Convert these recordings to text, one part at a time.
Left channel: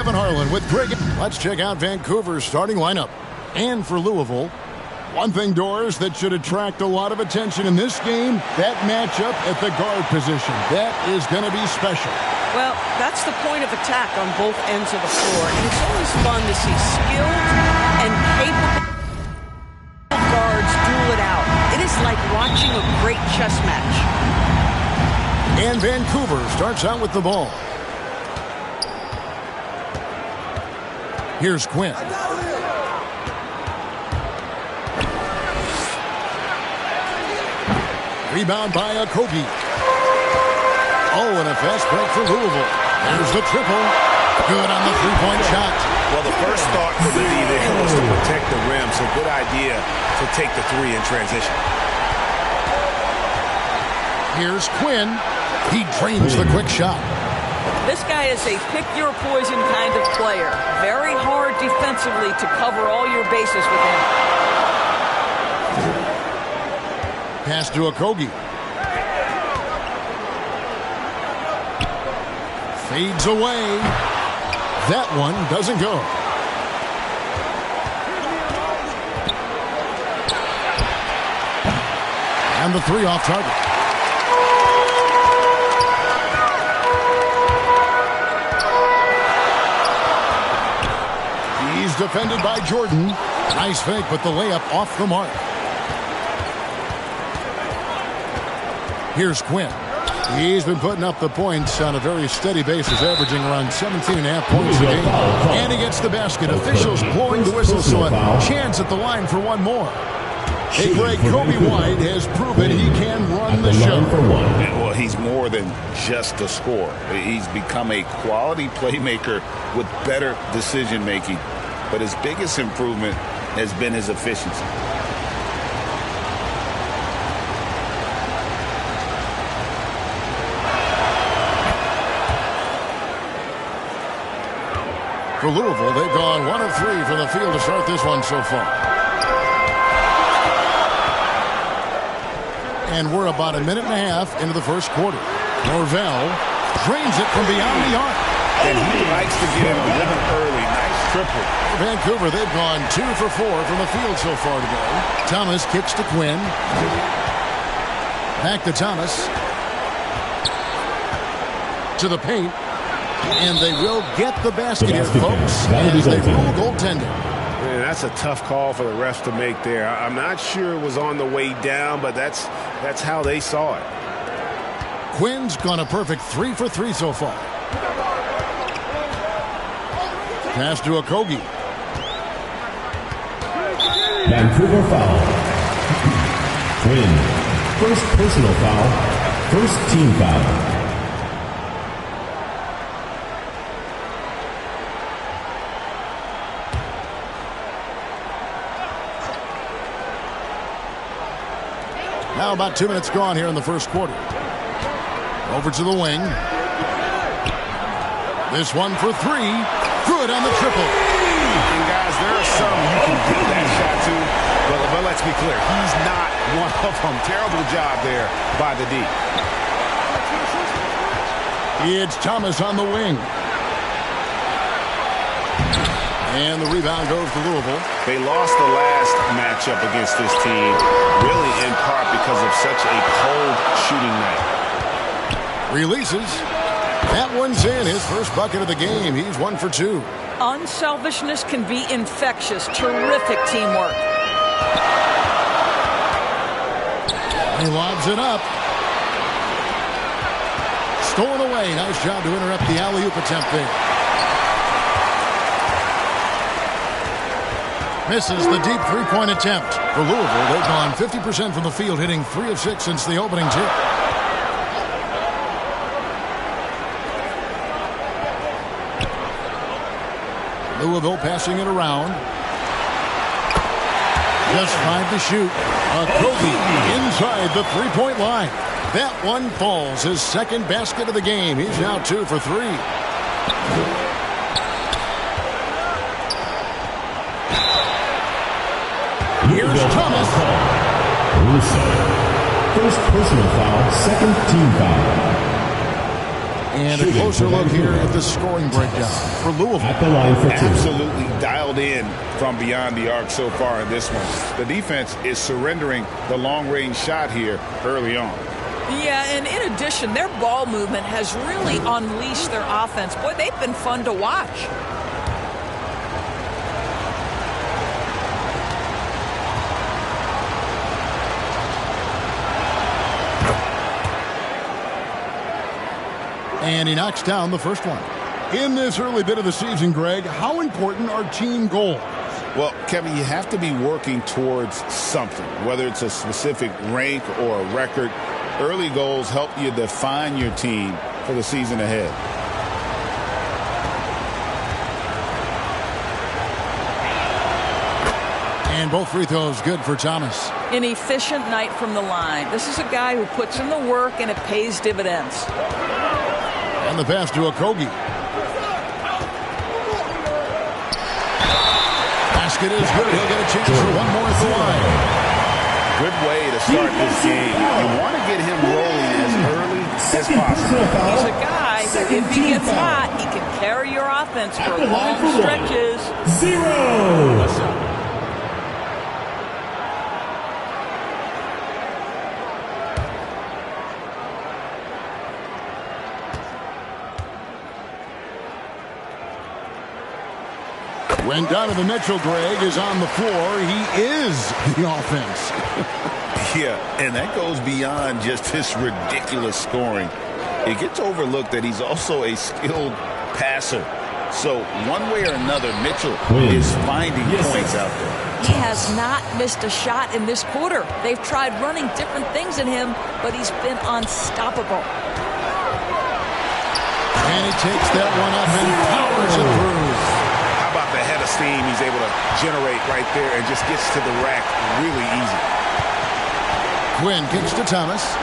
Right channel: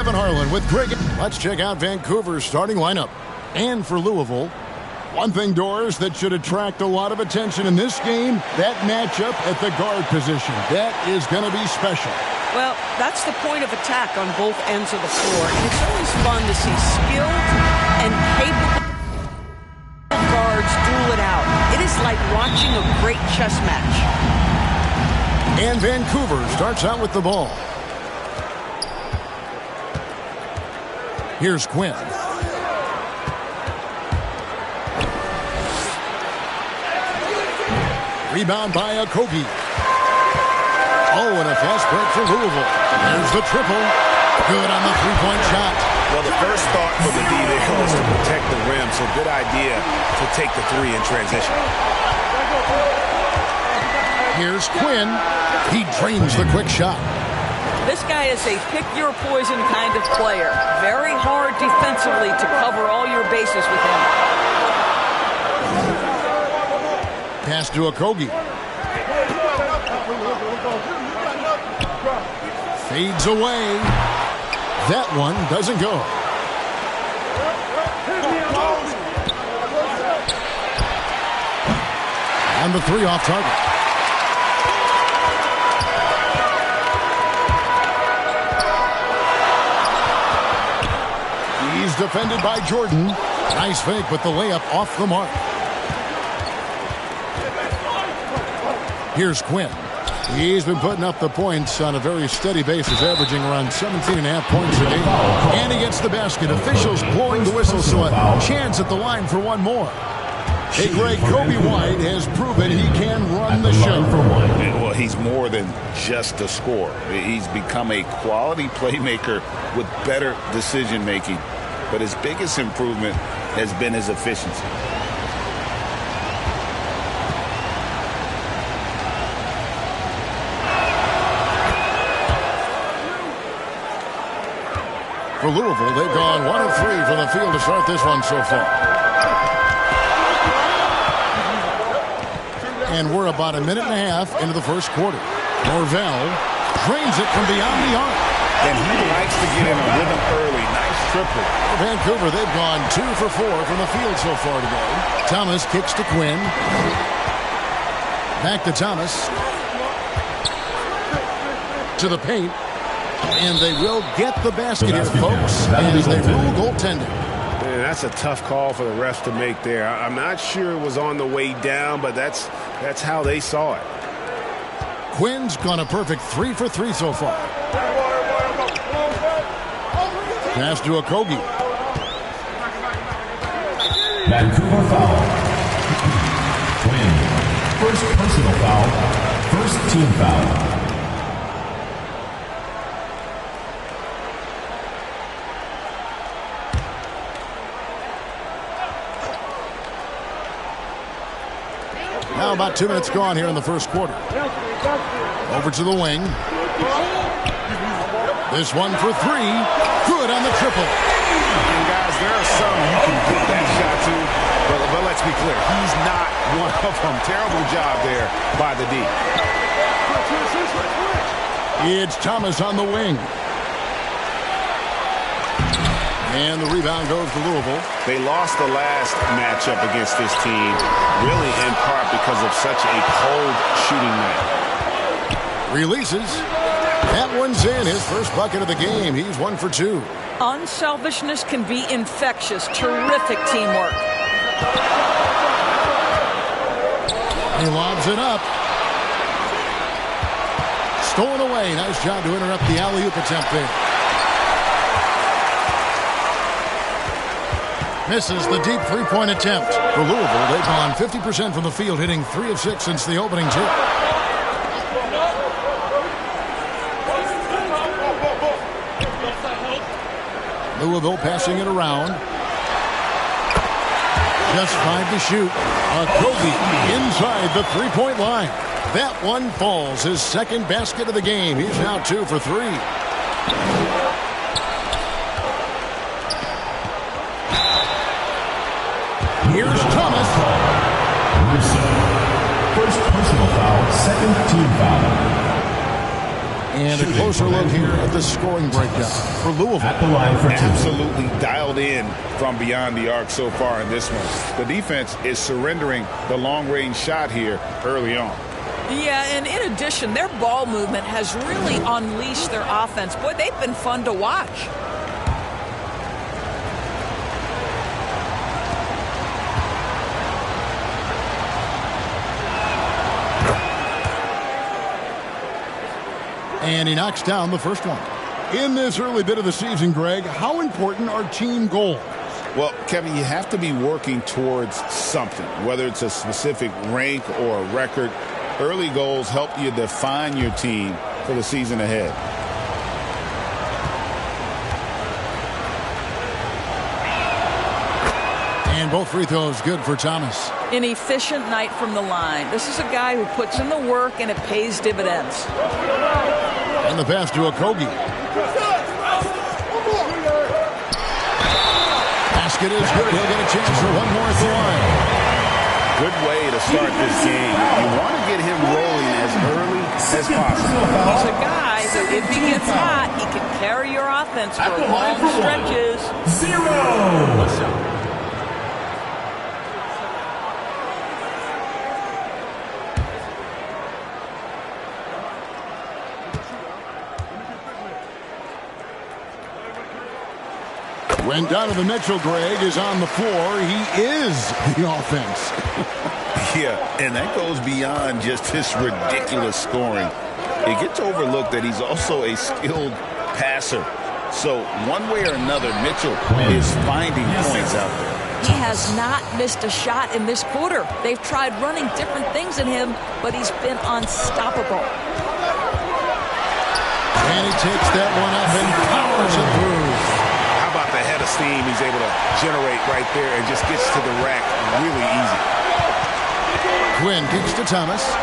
Kevin Harlan with Greg. Let's check out Vancouver's starting lineup. And for Louisville, one thing, Doris, that should attract a lot of attention in this game, that matchup at the guard position. That is going to be special. Well, that's the point of attack on both ends of the floor, and it's always fun to see skilled and capable guards duel it out. It is like watching a great chess match. And Vancouver starts out with the ball. Here's Quinn. Rebound by Okogie. Oh, and a fast break for Louisville. There's the triple. Good on the three-point shot. Well, the first thought for the D there was to protect the rim, so good idea to take the three in transition. Here's Quinn. He drains the quick shot. This guy is a pick-your-poison kind of player. Very hard defensively to cover all your bases with him. Pass to Okogie. Fades away. That one doesn't go. And the three off target. He's defended by Jordan. Nice fake, but the layup off the mark. Here's Quinn. He's been putting up the points on a very steady basis, averaging around 17.5 points a game. And he gets the basket. Officials blowing the whistle, so a chance at the line for one more. Hey, Greg, Kobe White has proven he can run the show. Well, he's more than just a scorer. He's become a quality playmaker with better decision-making. But his biggest improvement has been his efficiency. For Louisville, they've gone 1 of 3 from the field to start this one so far. And we're about a minute and a half into the first quarter. Norvell drains it from beyond the arc. And he likes to get in a rhythm early. Nice triple. For Vancouver, they've gone 2 for 4 from the field so far today. Thomas kicks to Quinn. Back to Thomas. To the paint. And they will get the basket here, folks, as they rule goaltending. Man, that's a tough call for the refs to make there. I'm not sure it was on the way down, but that's how they saw it. Quinn's gone a perfect 3 for 3 so far. Pass to Okogie. Vancouver foul. Quinn. First personal foul. First team foul. Now about 2 minutes gone here in the first quarter. Over to the wing. This one for 3. Good on the triple. And guys, there are some you can give that shot to, but let's be clear, he's not one of them. Terrible job there by the D. It's Thomas on the wing. And the rebound goes to Louisville. They lost the last matchup against this team, really in part because of such a cold shooting night. Releases. That one's in. His first bucket of the game. He's 1 for 2. Unselfishness can be infectious. Terrific teamwork. He lobs it up. Stolen away. Nice job to interrupt the alley-oop attempt there. Misses the deep three-point attempt. For Louisville, they've gone 50% from the field, hitting 3 of 6 since the opening tip. Louisville passing it around. Just 5 to shoot. Okogie inside the three-point line. That one falls. His second basket of the game. He's now 2 for 3. Here's Thomas. Russo. First personal foul, second team foul. And a closer look here at the scoring breakdown for Louisville. At the line for 2. Absolutely dialed in from beyond the arc so far in this one. The defense is surrendering the long-range shot here early on. Yeah, and in addition, their ball movement has really unleashed their offense. Boy, they've been fun to watch. And he knocks down the first one. In this early bit of the season, Greg, how important are team goals? Well, Kevin, you have to be working towards something, whether it's a specific rank or a record. Early goals help you define your team for the season ahead. And both free throws good for Thomas. An efficient night from the line. This is a guy who puts in the work and it pays dividends. And the pass to Okogie. Basket is good. He'll get a chance for one more at the line. Good way to start this game. You want to get him rolling as early as possible. He's a guy who, if he gets hot, he can carry your offense for long stretches. 0. When Donovan Mitchell, Greg, is on the floor, he is the offense. Yeah, and that goes beyond just his ridiculous scoring. It gets overlooked that he's also a skilled passer. So one way or another, Mitchell is finding points out there. He has not missed a shot in this quarter. They've tried running different things at him, but he's been unstoppable. And he takes that one up and powers it through. How about the head of steam he's able to generate right there and just gets to the rack really easy. Quinn kicks to Thomas.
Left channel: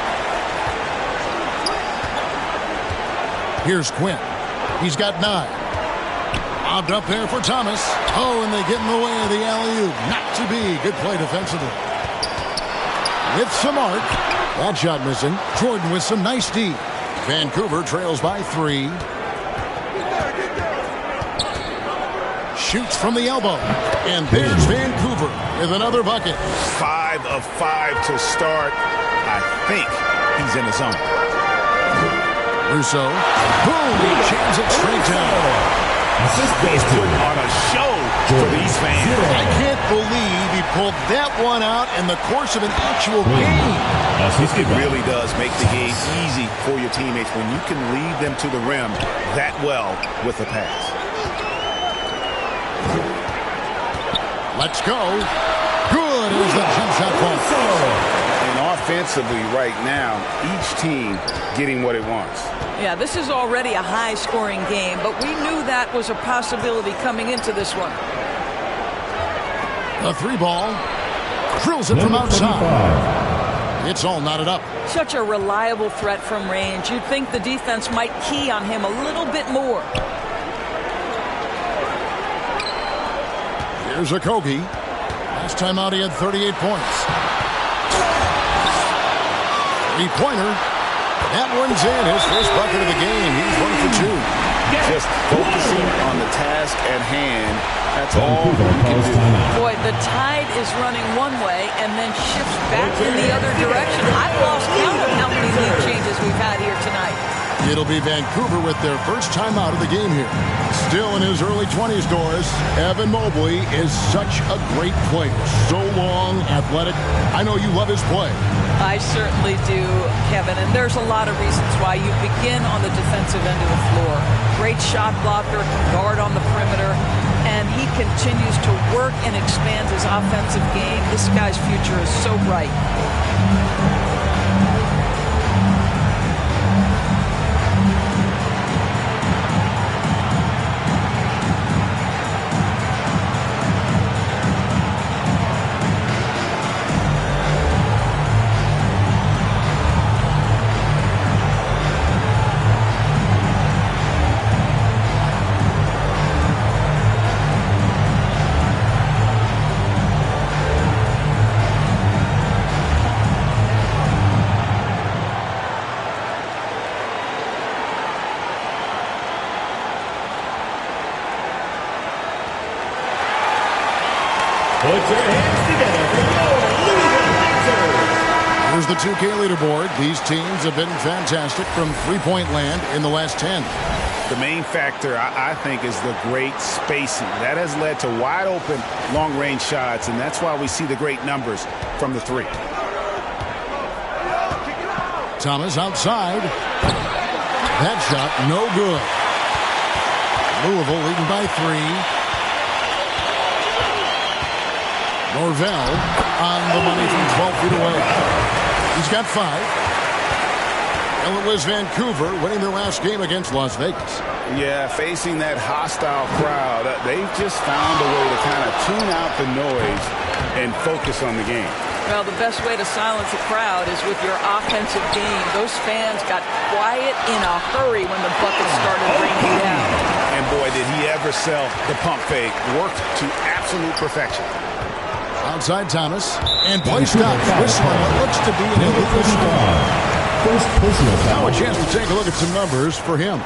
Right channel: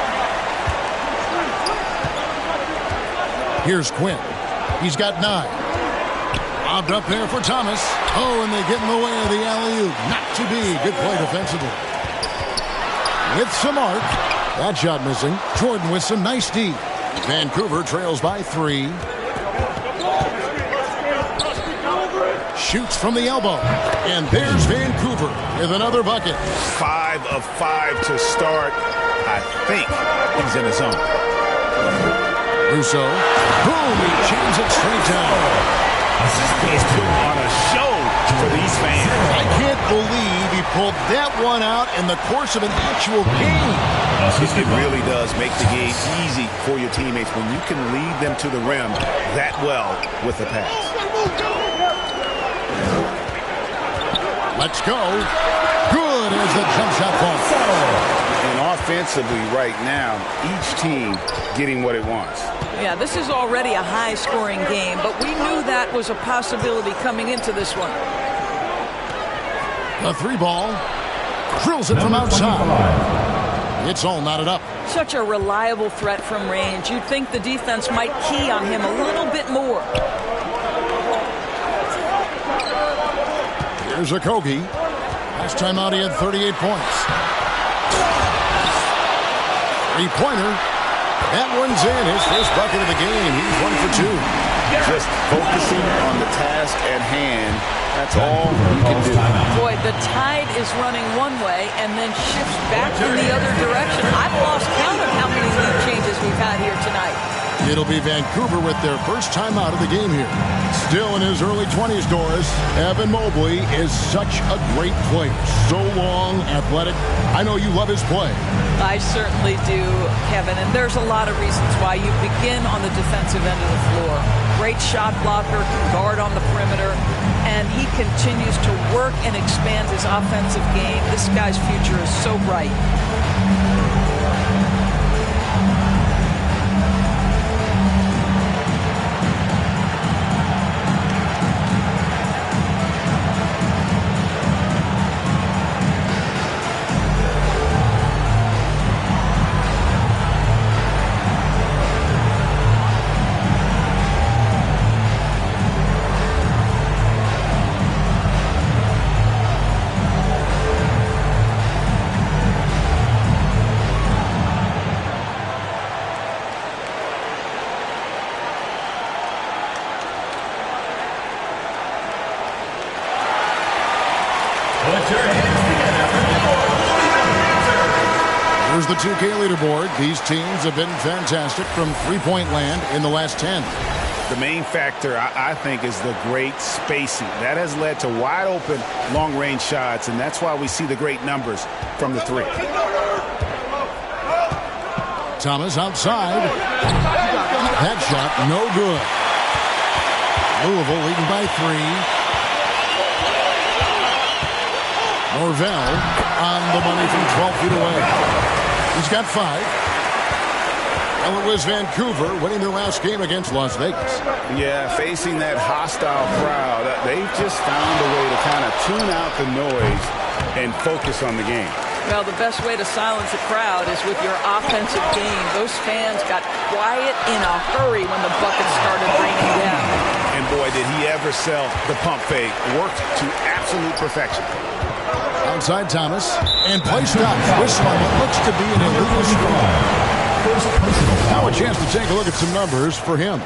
Here's Quinn. He's got 9. Lobbed up there for Thomas. Oh, and they get in the way of the alley-oop. Not to be. Good play defensively. With some arc. That shot missing. Jordan with some nice D. Vancouver trails by 3. Shoots from the elbow. And there's Vancouver with another bucket. 5 of 5 to start. I think he's in his zone. Russo. Boom! He jams it straight down. He's putting on a show for these fans. I can't believe he pulled that one out in the course of an actual game. It really does make the game easy for your teammates when you can lead them to the rim that well with a pass. Let's go. Good as the jump shot falls. And offensively right now, each team getting what it wants. Yeah, this is already a high-scoring game, but we knew that was a possibility coming into this one. The 3 ball. Drills it from outside. It's all knotted up. Such a reliable threat from range. You'd think the defense might key on him a little bit more. Here's Okogie. Last time out, he had 38 points. 3-pointer. That one's in. His first bucket of the game. He's 1 for 2. Just focusing on the task at hand. That's all you can do. Boy, the tide is running one way and then shifts back in the other direction. I've lost count of how many lead changes we've had here tonight. It'll be Vancouver with their first time out of the game here. Still in his early 20s, Doris, Evan Mobley is such a great player. So long, athletic. I know you love his play. I certainly do, Kevin, and there's a lot of reasons why. You begin on the defensive end of the floor. Great shot blocker, can guard on the perimeter, and he continues to work and expand his offensive game. This guy's future is so bright. Put your hands together for your Louisville Rangers. Here's the 2K leaderboard. These teams have been fantastic from three-point land in the last 10. The main factor, I think, is the great spacing. That has led to wide-open, long-range shots, and that's why we see the great numbers from the three. Thomas outside. That shot, no good. Louisville leading by 3. Norvell on the money from 12 feet away. He's got 5. Well, it was Vancouver winning their last game against Las Vegas. Yeah, facing that hostile crowd, they've just found a way to kind of tune out the noise and focus on the game. Well, the best way to silence a crowd is with your offensive game. Those fans got quiet in a hurry when the buckets started raining down. And boy, did he ever sell the pump fake. Worked to absolute perfection. Outside Thomas. And play stops. Whistle on what looks to be an illegal screen. First personal foul. Now a chance to take a look at some numbers for him.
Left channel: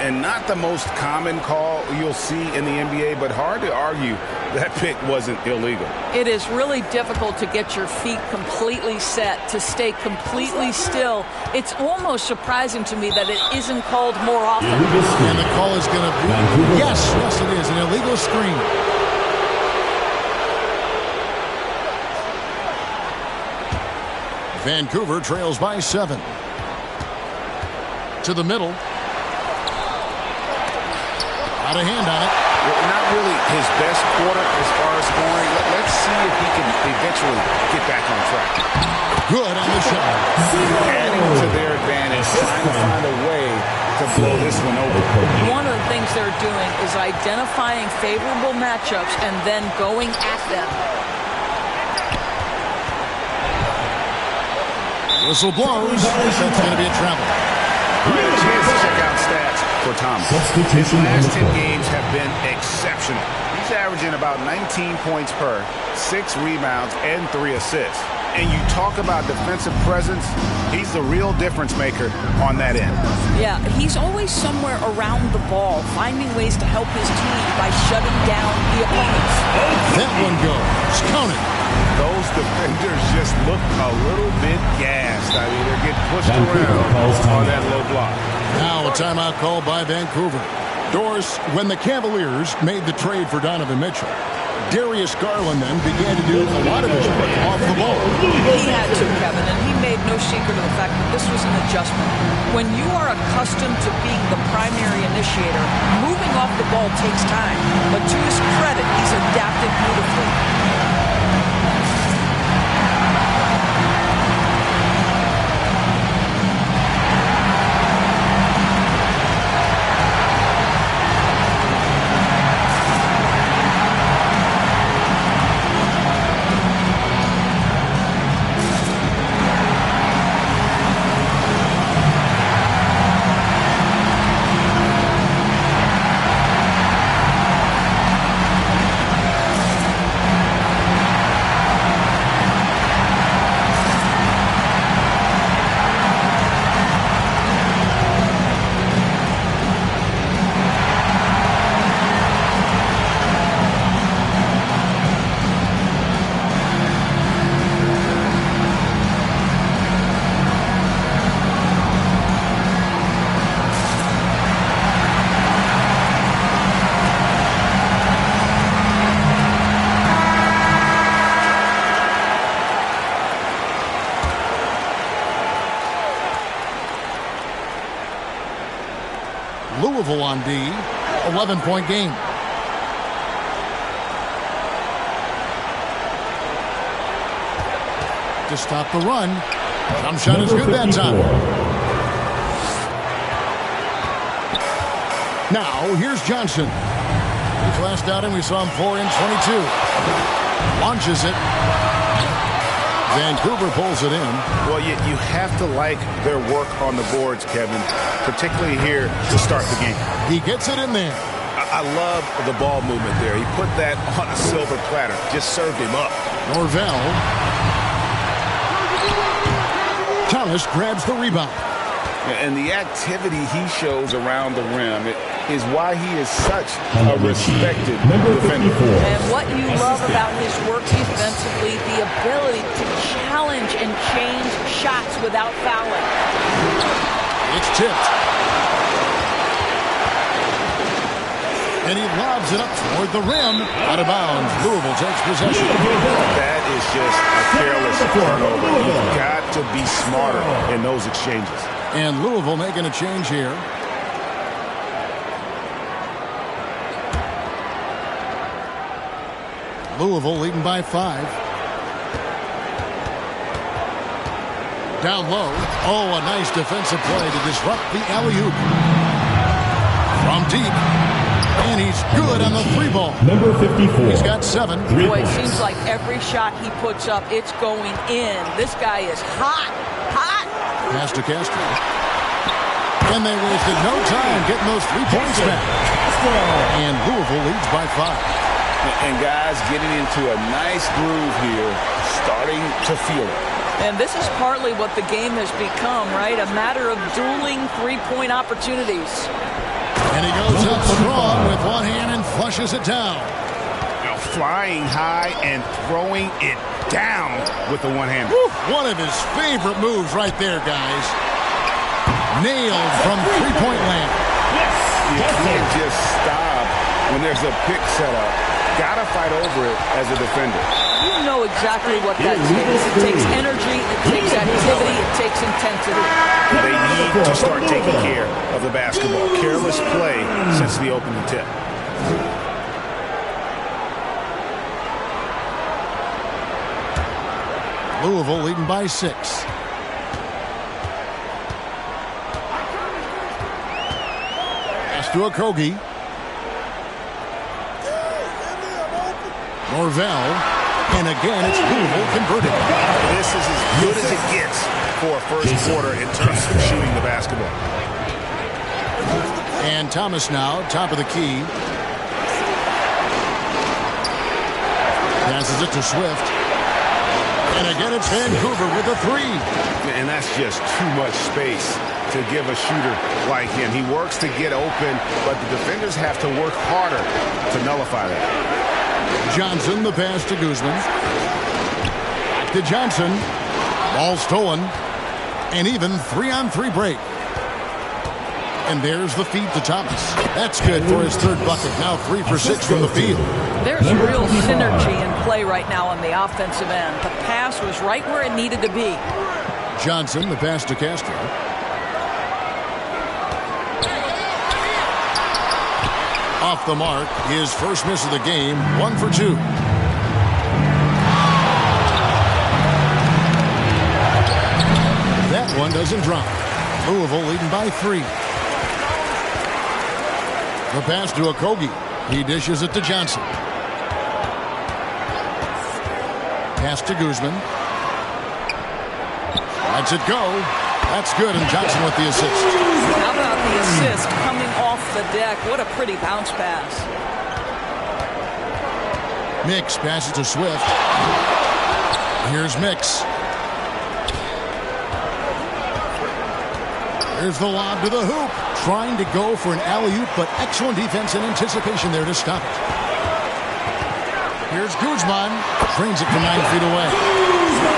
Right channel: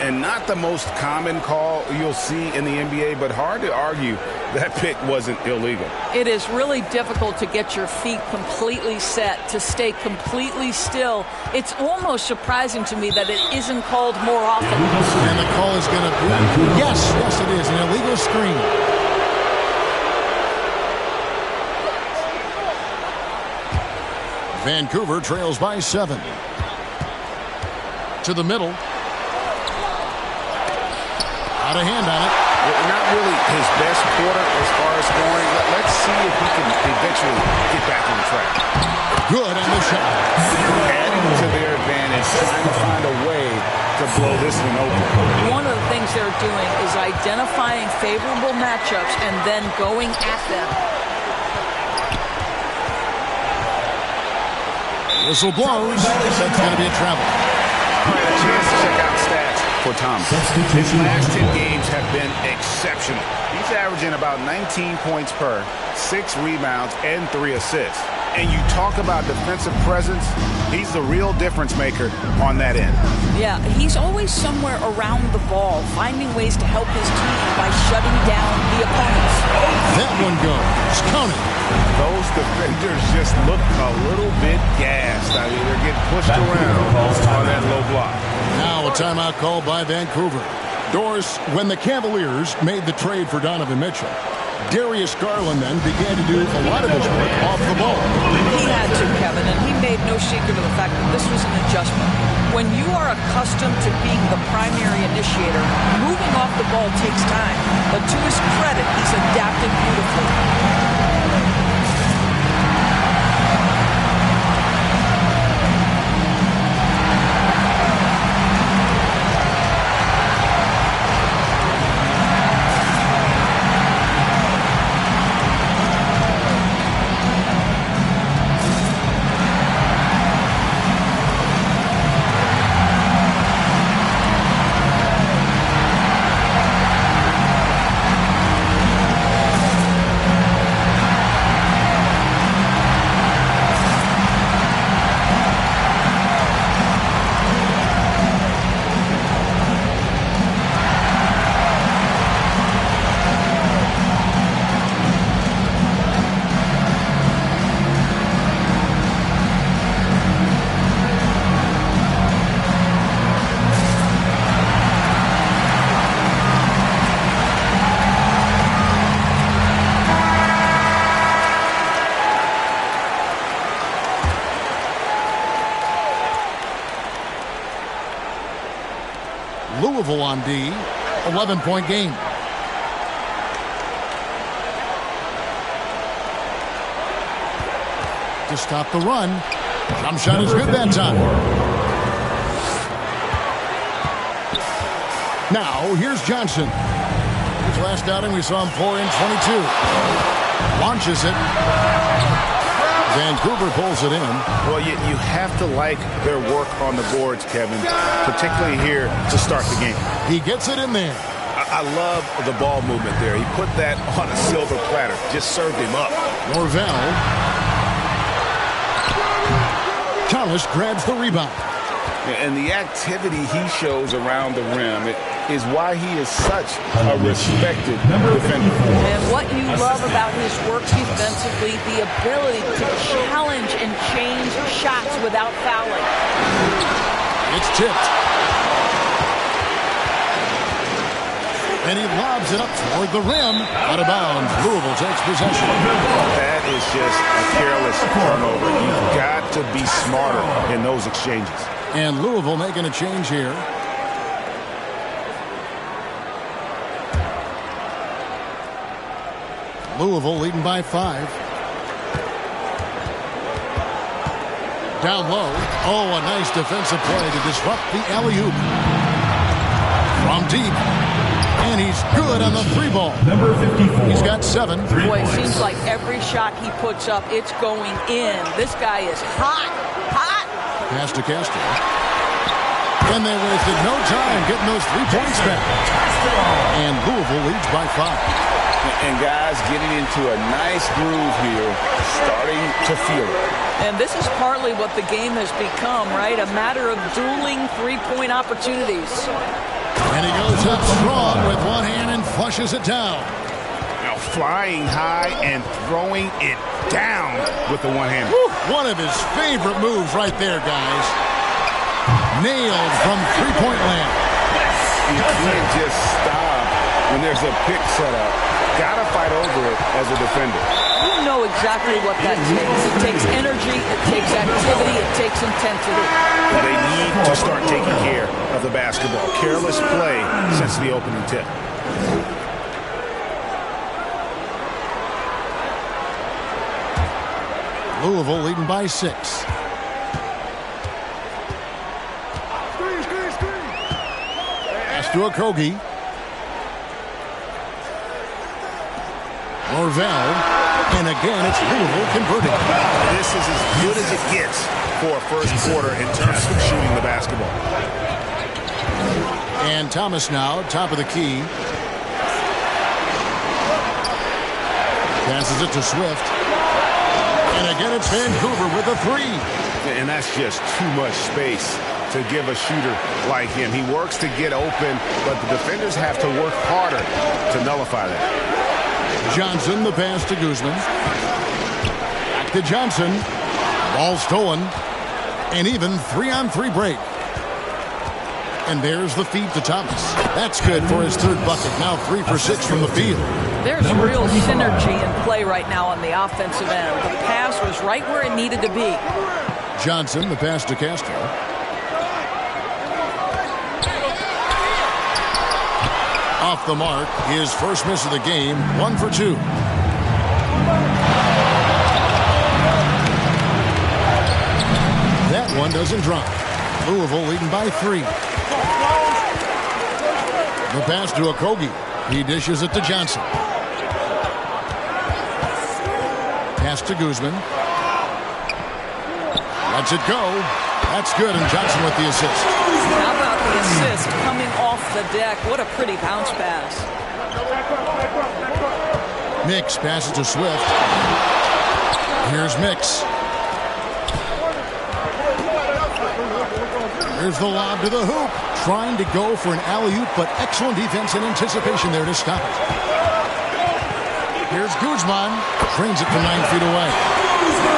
And not the most common call you'll see in the NBA, but hard to argue that pick wasn't illegal. It is really difficult to get your feet completely set, to stay completely still. It's almost surprising to me that it isn't called more often. And the call is going to be, yes, it is, an illegal screen. Vancouver trails by 7. To the middle. Out of hand on it. Not really his best quarter as far as scoring. Let's see if he can eventually get back on track. Good on the shot. Adding to their advantage, trying to find a way to blow this one open. One of the things they're doing is identifying favorable matchups and then going at them. Whistle blows. That's going to be a travel. All right, a chance to check out stats for Thomas. His last 10 games have been exceptional. He's averaging about 19 points per, 6 rebounds, and 3 assists. And you talk about defensive presence, he's the real difference maker on that end. Yeah, he's always somewhere around the ball, finding ways to help his team by shutting down the opponents. That one goes. Count it. Those defenders just look a little bit gassed. I mean, they're getting pushed around on that low block. Now a timeout called by Vancouver. Doris, when the Cavaliers made the trade for Donovan Mitchell, Darius Garland then began to do a lot of his work off the ball. He had to, Kevin, and he made no secret of the fact that this was an adjustment. When you are accustomed to being the primary initiator, moving off the ball takes time. But to his credit, he's adapted beautifully. Louisville on D, 11-point game. To stop the run. Jump shot is good that time. Now, here's Johnson. His last outing, we saw him pour in 22. Launches it. Vancouver pulls it in. Well, you have to like their work on the boards, Kevin, particularly here to start the game. He gets it in there. I love the ball movement there. He put that on a silver platter, just served him up. Norvell. Thomas grabs the rebound. And the activity he shows around the rim, is why he is such a respected defender. And what you love about his work defensively, the ability to challenge and change shots without fouling. It's tipped. And he lobs it up toward the rim. Out of bounds. Louisville takes possession. That is just a careless turnover. You've got to be smarter in those exchanges. And Louisville making a change here. Louisville leading by 5. Down low. Oh, a nice defensive play to disrupt the alley-oop. From deep. And he's good on the 3 ball. Number 54. He's got 7. Boy, it seems like every shot he puts up, it's going in. This guy is hot. Hot. Pass to Castro. And they wasted no time getting those 3 points back. And Louisville leads by 5. And guys getting into a nice groove here, starting to feel it. And this is partly what the game has become, right? A matter of dueling 3-point opportunities. And he goes up strong with one hand and flushes it down. Now flying high and throwing it down with the one-hander. One of his favorite moves right there, guys. Nailed from 3-point land. You can't just stop when there's a pick set up. Gotta fight over it as a defender. You know exactly what that takes. It takes energy, it takes activity, it takes intensity. They need to start taking care of the basketball. Careless play since the opening tip. Louisville leading by 6. Pass to Okogie. Norvell. And again, it's Louisville converting. This is as good as it gets for a first quarter in terms of shooting the basketball. And Thomas now, top of the key. Passes it to Swift. And again, it's Vancouver with a 3. And that's just too much space to give a shooter like him. He works to get open, but the defenders have to work harder to nullify that. Johnson, the pass to Guzman. Back to Johnson. Ball stolen. And even 3-on-3 break. And there's the feed to Thomas. That's good for his 3rd bucket. Now 3 for 6 from the field. There's real synergy in play right now on the offensive end. The pass was right where it needed to be. Johnson, the pass to Castro. Off the mark, his first miss of the game, 1 for 2. That one doesn't drop. Louisville leading by 3. The pass to Okogie. He dishes it to Johnson. Pass to Guzman. Lets it go. That's good, and Johnson with the assist. How about the assist coming off the deck? What a pretty bounce pass. Mix passes to Swift. Here's Mix. Here's the lob to the hoop. Trying to go for an alley-oop, but excellent defense and anticipation there to stop it. Here's Guzman. Trains it from 9 feet away.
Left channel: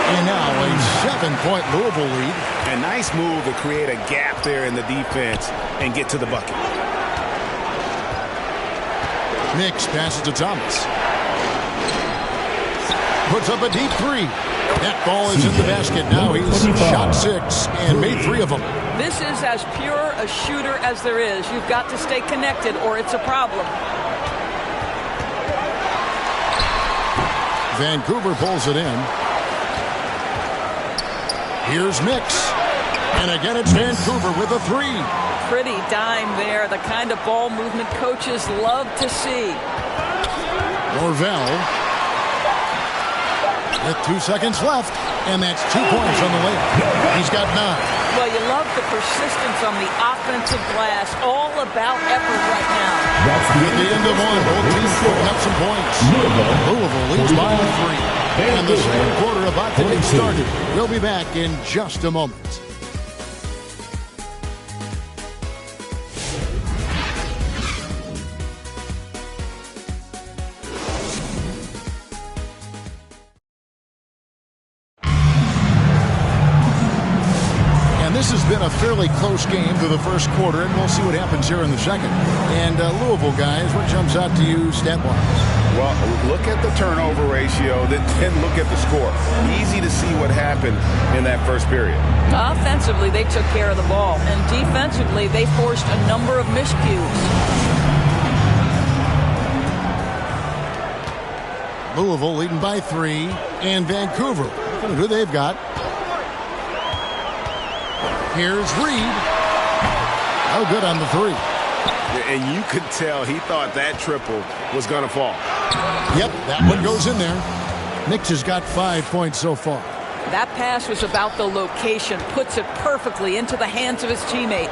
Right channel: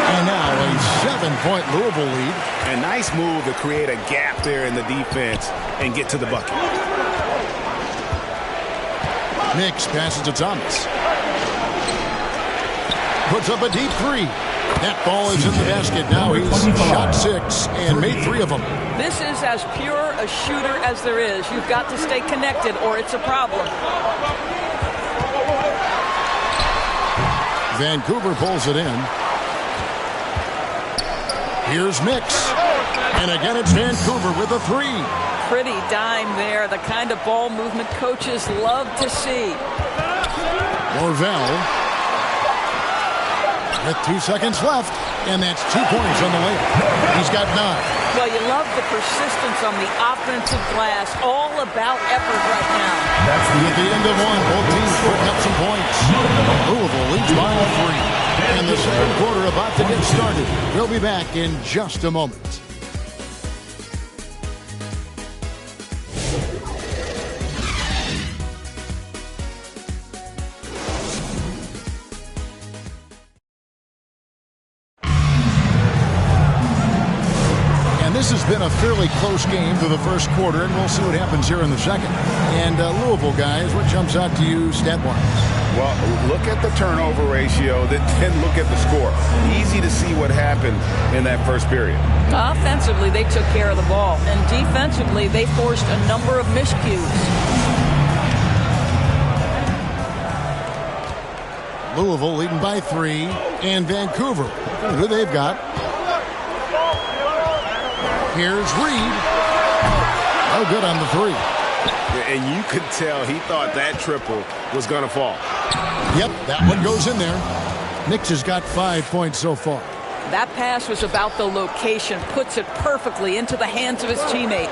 And now a 7-point Louisville lead. A nice move to create a gap there in the defense and get to the bucket. Mix passes to Thomas. Puts up a deep 3. That ball is in the basket. Now he's shot 6 and made 3 of them. This is as pure a shooter as there is. You've got to stay connected or it's a problem. Vancouver pulls it in. Here's Mix. And again, it's Vancouver with a 3. Pretty dime there. The kind of ball movement coaches love to see. Norvell. With 2 seconds left. And that's 2 points on the layup. He's got 9. Well, you love the persistence on the offensive glass. All about effort right now. That's At the end of one, both teams putting up some points. Louisville leads by a 3. And the second quarter about to get started. We'll be back in just a moment. this has been a fairly close game through the first quarter, and we'll see what happens here in the second. And Louisville, guys, what jumps out to you stat-wise? Well, look at the turnover ratio, then look at the score. Easy to see what happened in that first period. Offensively, they took care of the ball, and defensively, they forced a number of miscues. Louisville leading by 3, and Vancouver, who they've got. Here's Reed. Oh, good on the 3. And you could tell he thought that triple was going to fall. Yep, that one goes in there. Nix has got 5 points so far. That pass was about the location, puts it perfectly into the hands of his teammate.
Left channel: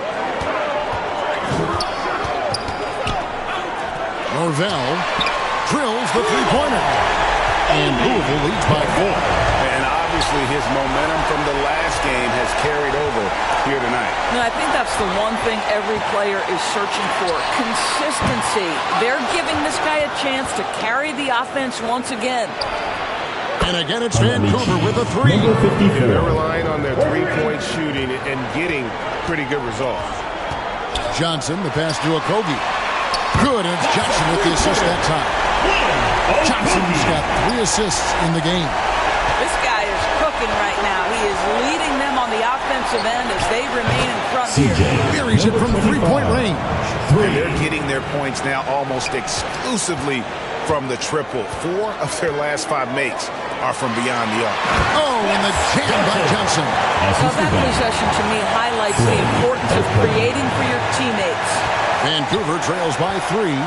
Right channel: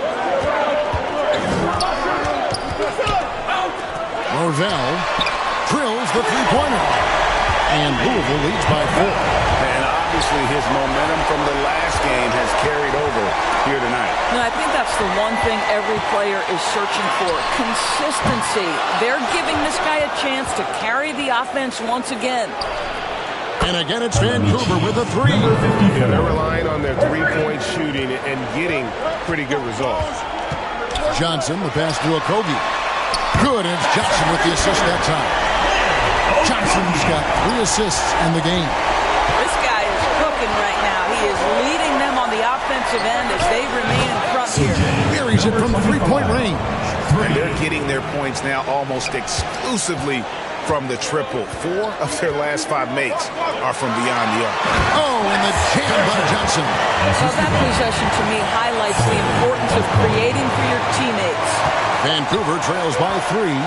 Norvell drills the three-pointer. And Louisville leads by 4. And obviously his momentum from the last game has carried over here tonight. No, I think that's the one thing every player is searching for. Consistency. They're giving this guy a chance to carry the offense once again. And again, it's Vancouver with a 3. Yeah, they're relying on their three-point shooting and getting pretty good results. Johnson, the pass to Okogie. Good, and it's Johnson with the assist that time. Johnson's got 3 assists in the game. This guy is cooking right now. He is leading them on the offensive end as they remain in front here. Buries it from 3-point range. And they're getting their points now almost exclusively from the triple. 4 of their last 5 makes are from beyond the arc. Oh, and the jam by Johnson. Well, that possession to me highlights the importance of creating for your teammates. Vancouver trails by 3.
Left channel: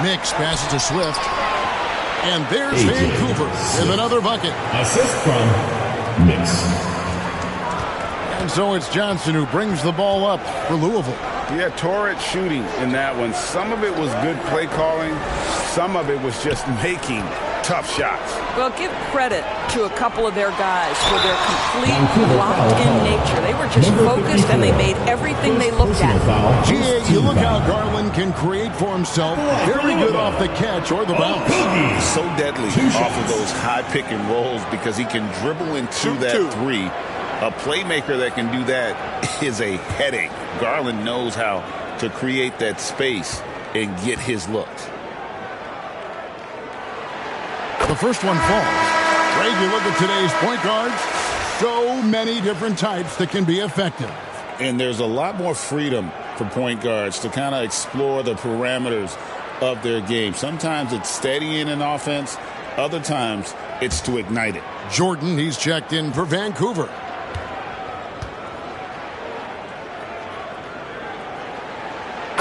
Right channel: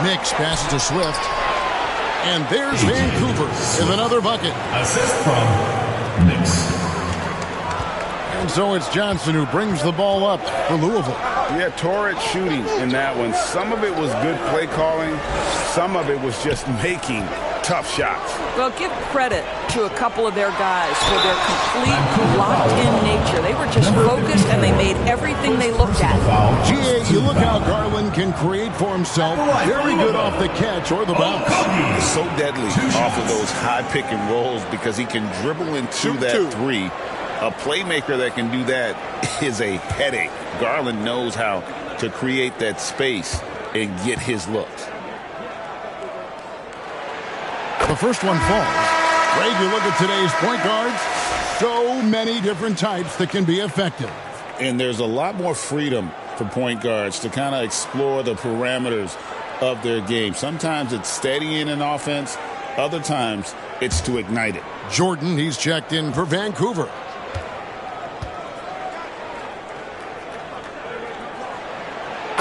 Nix passes to Swift. And there's Vancouver with another bucket. Assist from Nix. And so it's Johnson who brings the ball up for Louisville. Yeah, torrid shooting in that one. Some of it was good play calling. Some of it was just making tough shots. Well, give credit to a couple of their guys for their complete locked-in nature. They were just focused, and they made everything they looked at. GA, you look how Garland can create for himself. Very good off the catch or the bounce. He's so deadly off of those high pick and rolls because he can dribble into that 3. A playmaker that can do that is a headache. Garland knows how to create that space and get his looks. The first one falls. Greg, you look at today's point guards, so many different types that can be effective. And there's a lot more freedom for point guards to kind of explore the parameters of their game. Sometimes it's steadying an offense. Other times it's to ignite it. Jordan, he's checked in for Vancouver.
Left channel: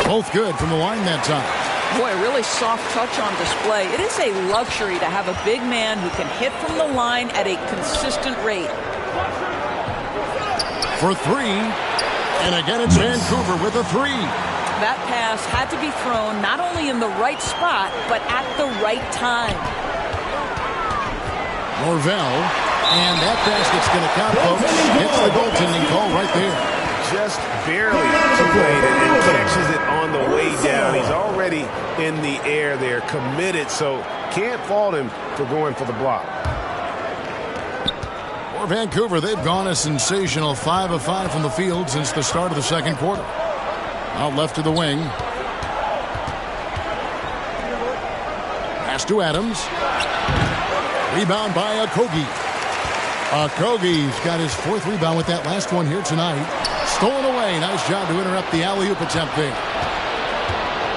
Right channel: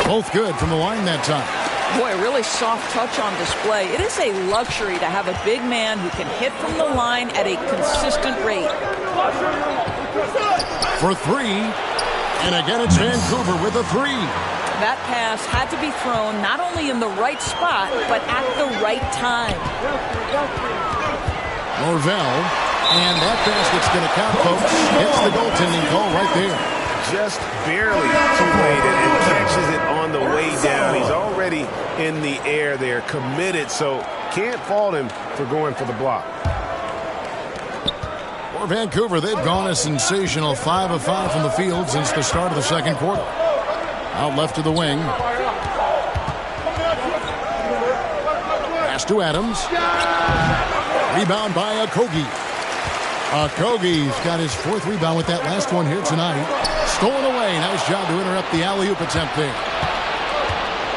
Both good from the line that time. Boy, a really soft touch on display. It is a luxury to have a big man who can hit from the line at a consistent rate. For 3. And again, it's Vancouver with a 3. That pass had to be thrown not only in the right spot, but at the right time. Norvell. And that basket's going to count, folks. Gets the goaltending call right there. Just barely too late and catches it on the way down. He's already in the air there, committed, so can't fault him for going for the block. For Vancouver, they've gone a sensational 5 of 5 from the field since the start of the second quarter. Out left to the wing. Pass to Adams. Rebound by Okogie. Okogie's got his 4th rebound with that last one here tonight. Stolen away. Nice job to interrupt the alley-oop attempt there.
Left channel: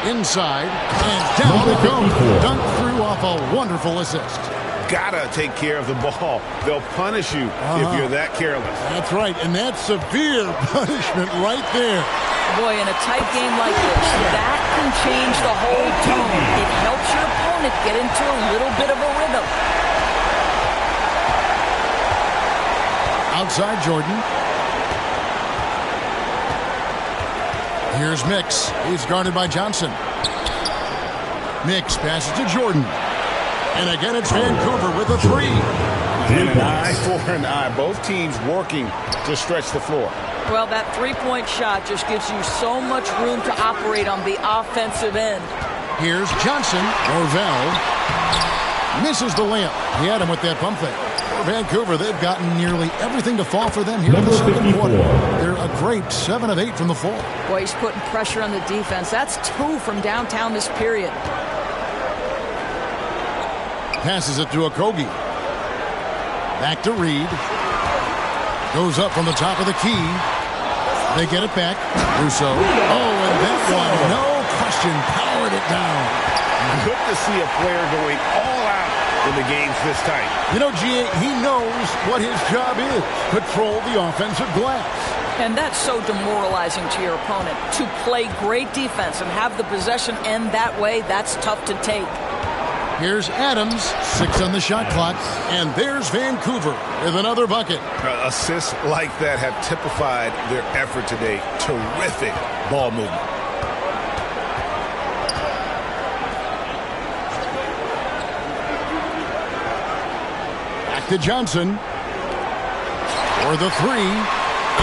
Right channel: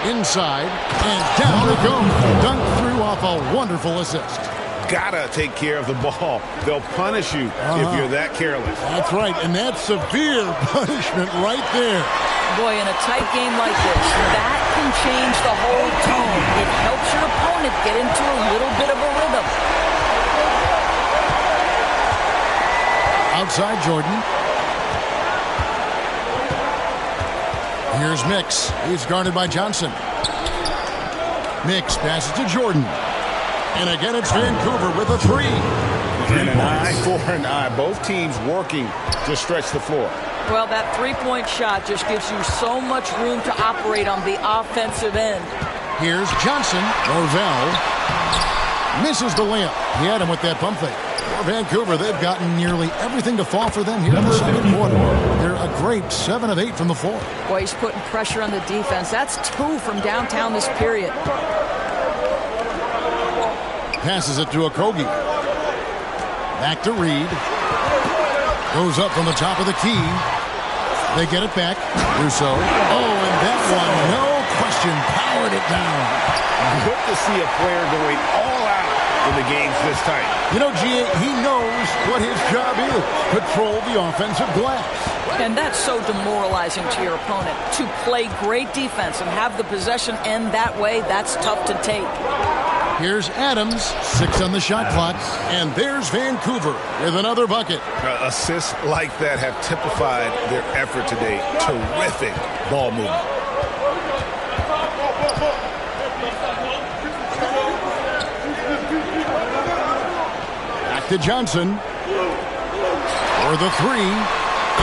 Inside, and down it goes. Dunked through off a wonderful assist. Gotta take care of the ball. They'll punish you if you're that careless. That's right, and that's severe punishment right there. Boy, in a tight game like this, that can change the whole tone. It helps your opponent get into a little bit of a rhythm. Outside Jordan. Here's Mix. He's guarded by Johnson. Mix passes to Jordan. And again, it's Vancouver with a 3. And an eye for an eye. Both teams working to stretch the floor. Well, that three-point shot just gives you so much room to operate on the offensive end. Here's Johnson. Norvell misses the layup. He had him with that pump fake. For Vancouver, they've gotten nearly everything to fall for them here in the second quarter. They're a great 7 of 8 from the floor. Boy, he's putting pressure on the defense. That's 2 from downtown this period. Passes it to Okogie. Back to Reed. Goes up from the top of the key. They get it back. Russo. Oh, and that one, no question, powered it down. Good to see a player going all out when the game's this tight. You know, G.A., he knows what his job is. Control the offensive glass. And that's so demoralizing to your opponent. To play great defense and have the possession end that way, that's tough to take. Here's Adams, 6 on the shot clock, and there's Vancouver with another bucket. Assists like that have typified their effort today. Terrific ball movement. Back to Johnson for the 3,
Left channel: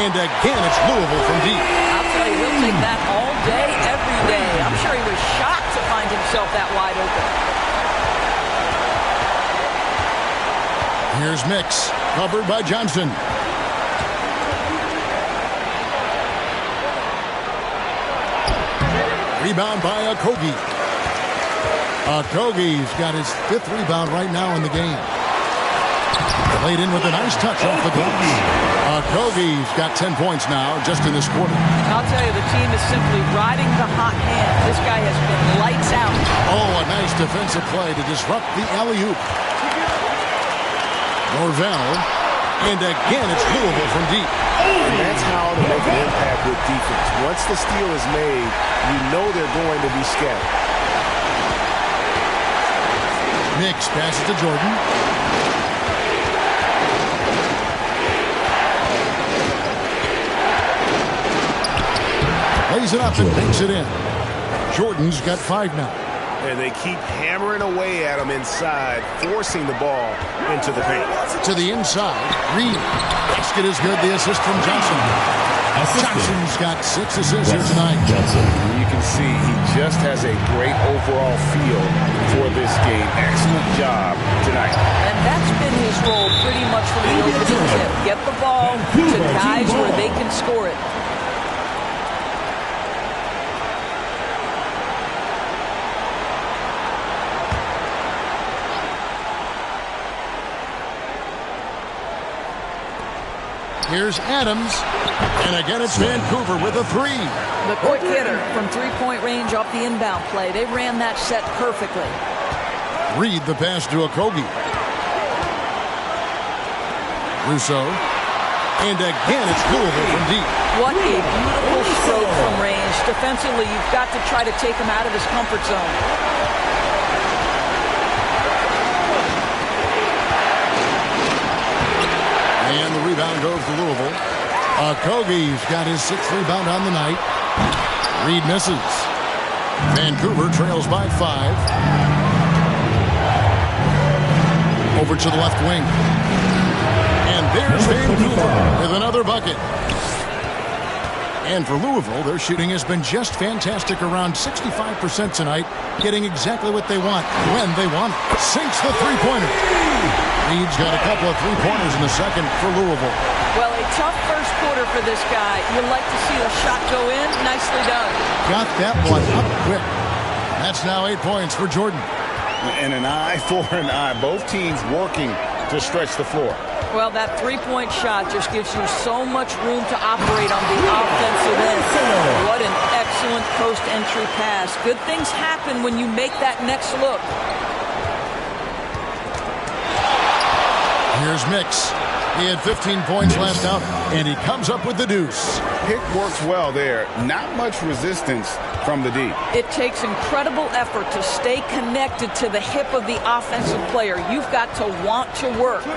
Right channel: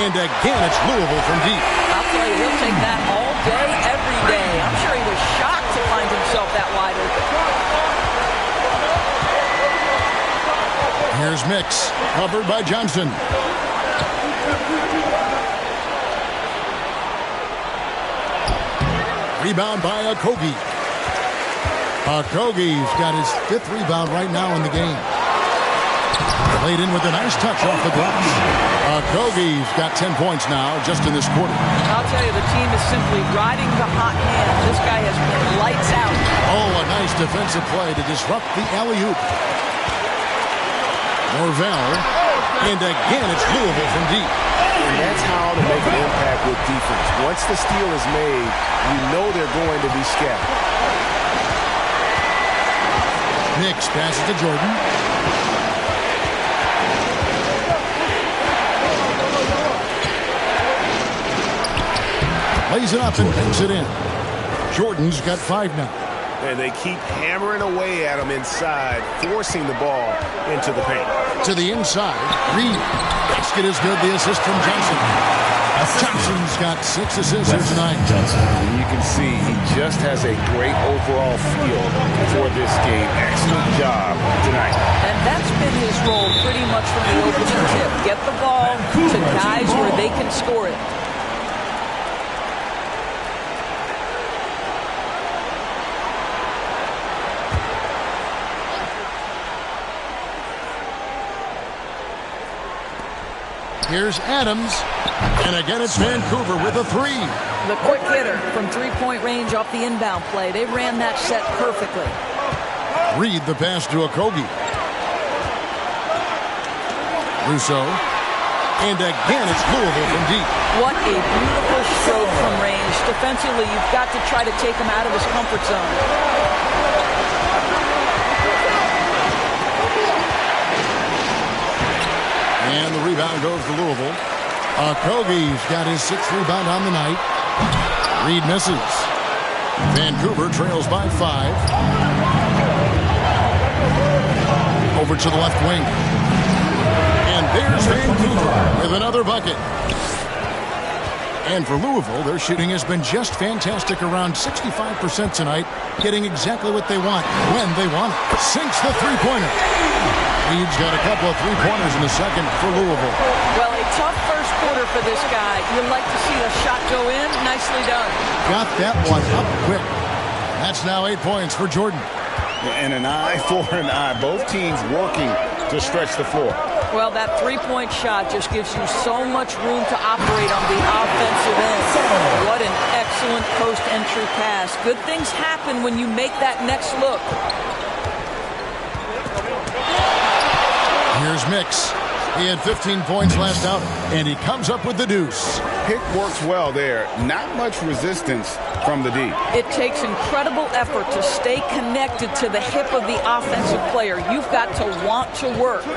and again it's Louisville from deep. I'll tell you, he'll take that all day, every day. I'm sure he was shocked to find himself that wide open. Here's Mix, covered by Johnson. Rebound by Okogie. Okogie's got his 5th rebound right now in the game. Laid in with a nice touch off the glass. Okogie's got 10 points now just in this quarter. I'll tell you, the team is simply riding the hot hand. This guy has been lights out. Oh, a nice defensive play to disrupt the alley-oop. Norvell, and again it's Louisville from deep. And that's how to make an impact with defense. Once the steal is made, you know they're going to be scattered. Nix passes to Jordan. Lays it up and banks it in. Jordan's got 5 now. And they keep hammering away at him inside, forcing the ball into the paint. To the inside, Reed. Basket is good. The assist from Johnson. Johnson's got 6 assists here tonight. You can see he just has a great overall feel for this game. Excellent job tonight. And that's been his role pretty much from the opening tip. Get the ball to guys where they can score it. Here's Adams, and again it's Vancouver with a 3. The quick hitter from 3-point range off the inbound play. They ran that set perfectly. Reed the pass to Okogie. Russo, and again it's Louisville from deep. What a beautiful stroke from range. Defensively, you've got to try to take him out of his comfort zone. And the rebound goes to Louisville. Okogie's got his 6th rebound on the night. Reed misses. Vancouver trails by 5. Over to the left wing. And there's Vancouver with another bucket. And for Louisville, their shooting has been just fantastic, around 65% tonight, getting exactly what they want when they want it. Sinks the 3-pointer. Reed's got a couple of 3-pointers in the second for Louisville. Well, a tough first quarter for this guy. You like to see the shot go in. Nicely done. Got that one up quick. That's now 8 points for Jordan. And an eye for an eye. Both teams working to stretch the floor. Well, that 3-point shot just gives you so much room to operate on the offensive end. What an excellent post-entry pass. Good things happen when you make that next look. Here's Mix. He had 15 points last outing, and he comes up with the deuce. Pick works well there. Not much resistance from the D. It takes incredible effort to stay connected to the hip of the offensive player. You've got to want to work.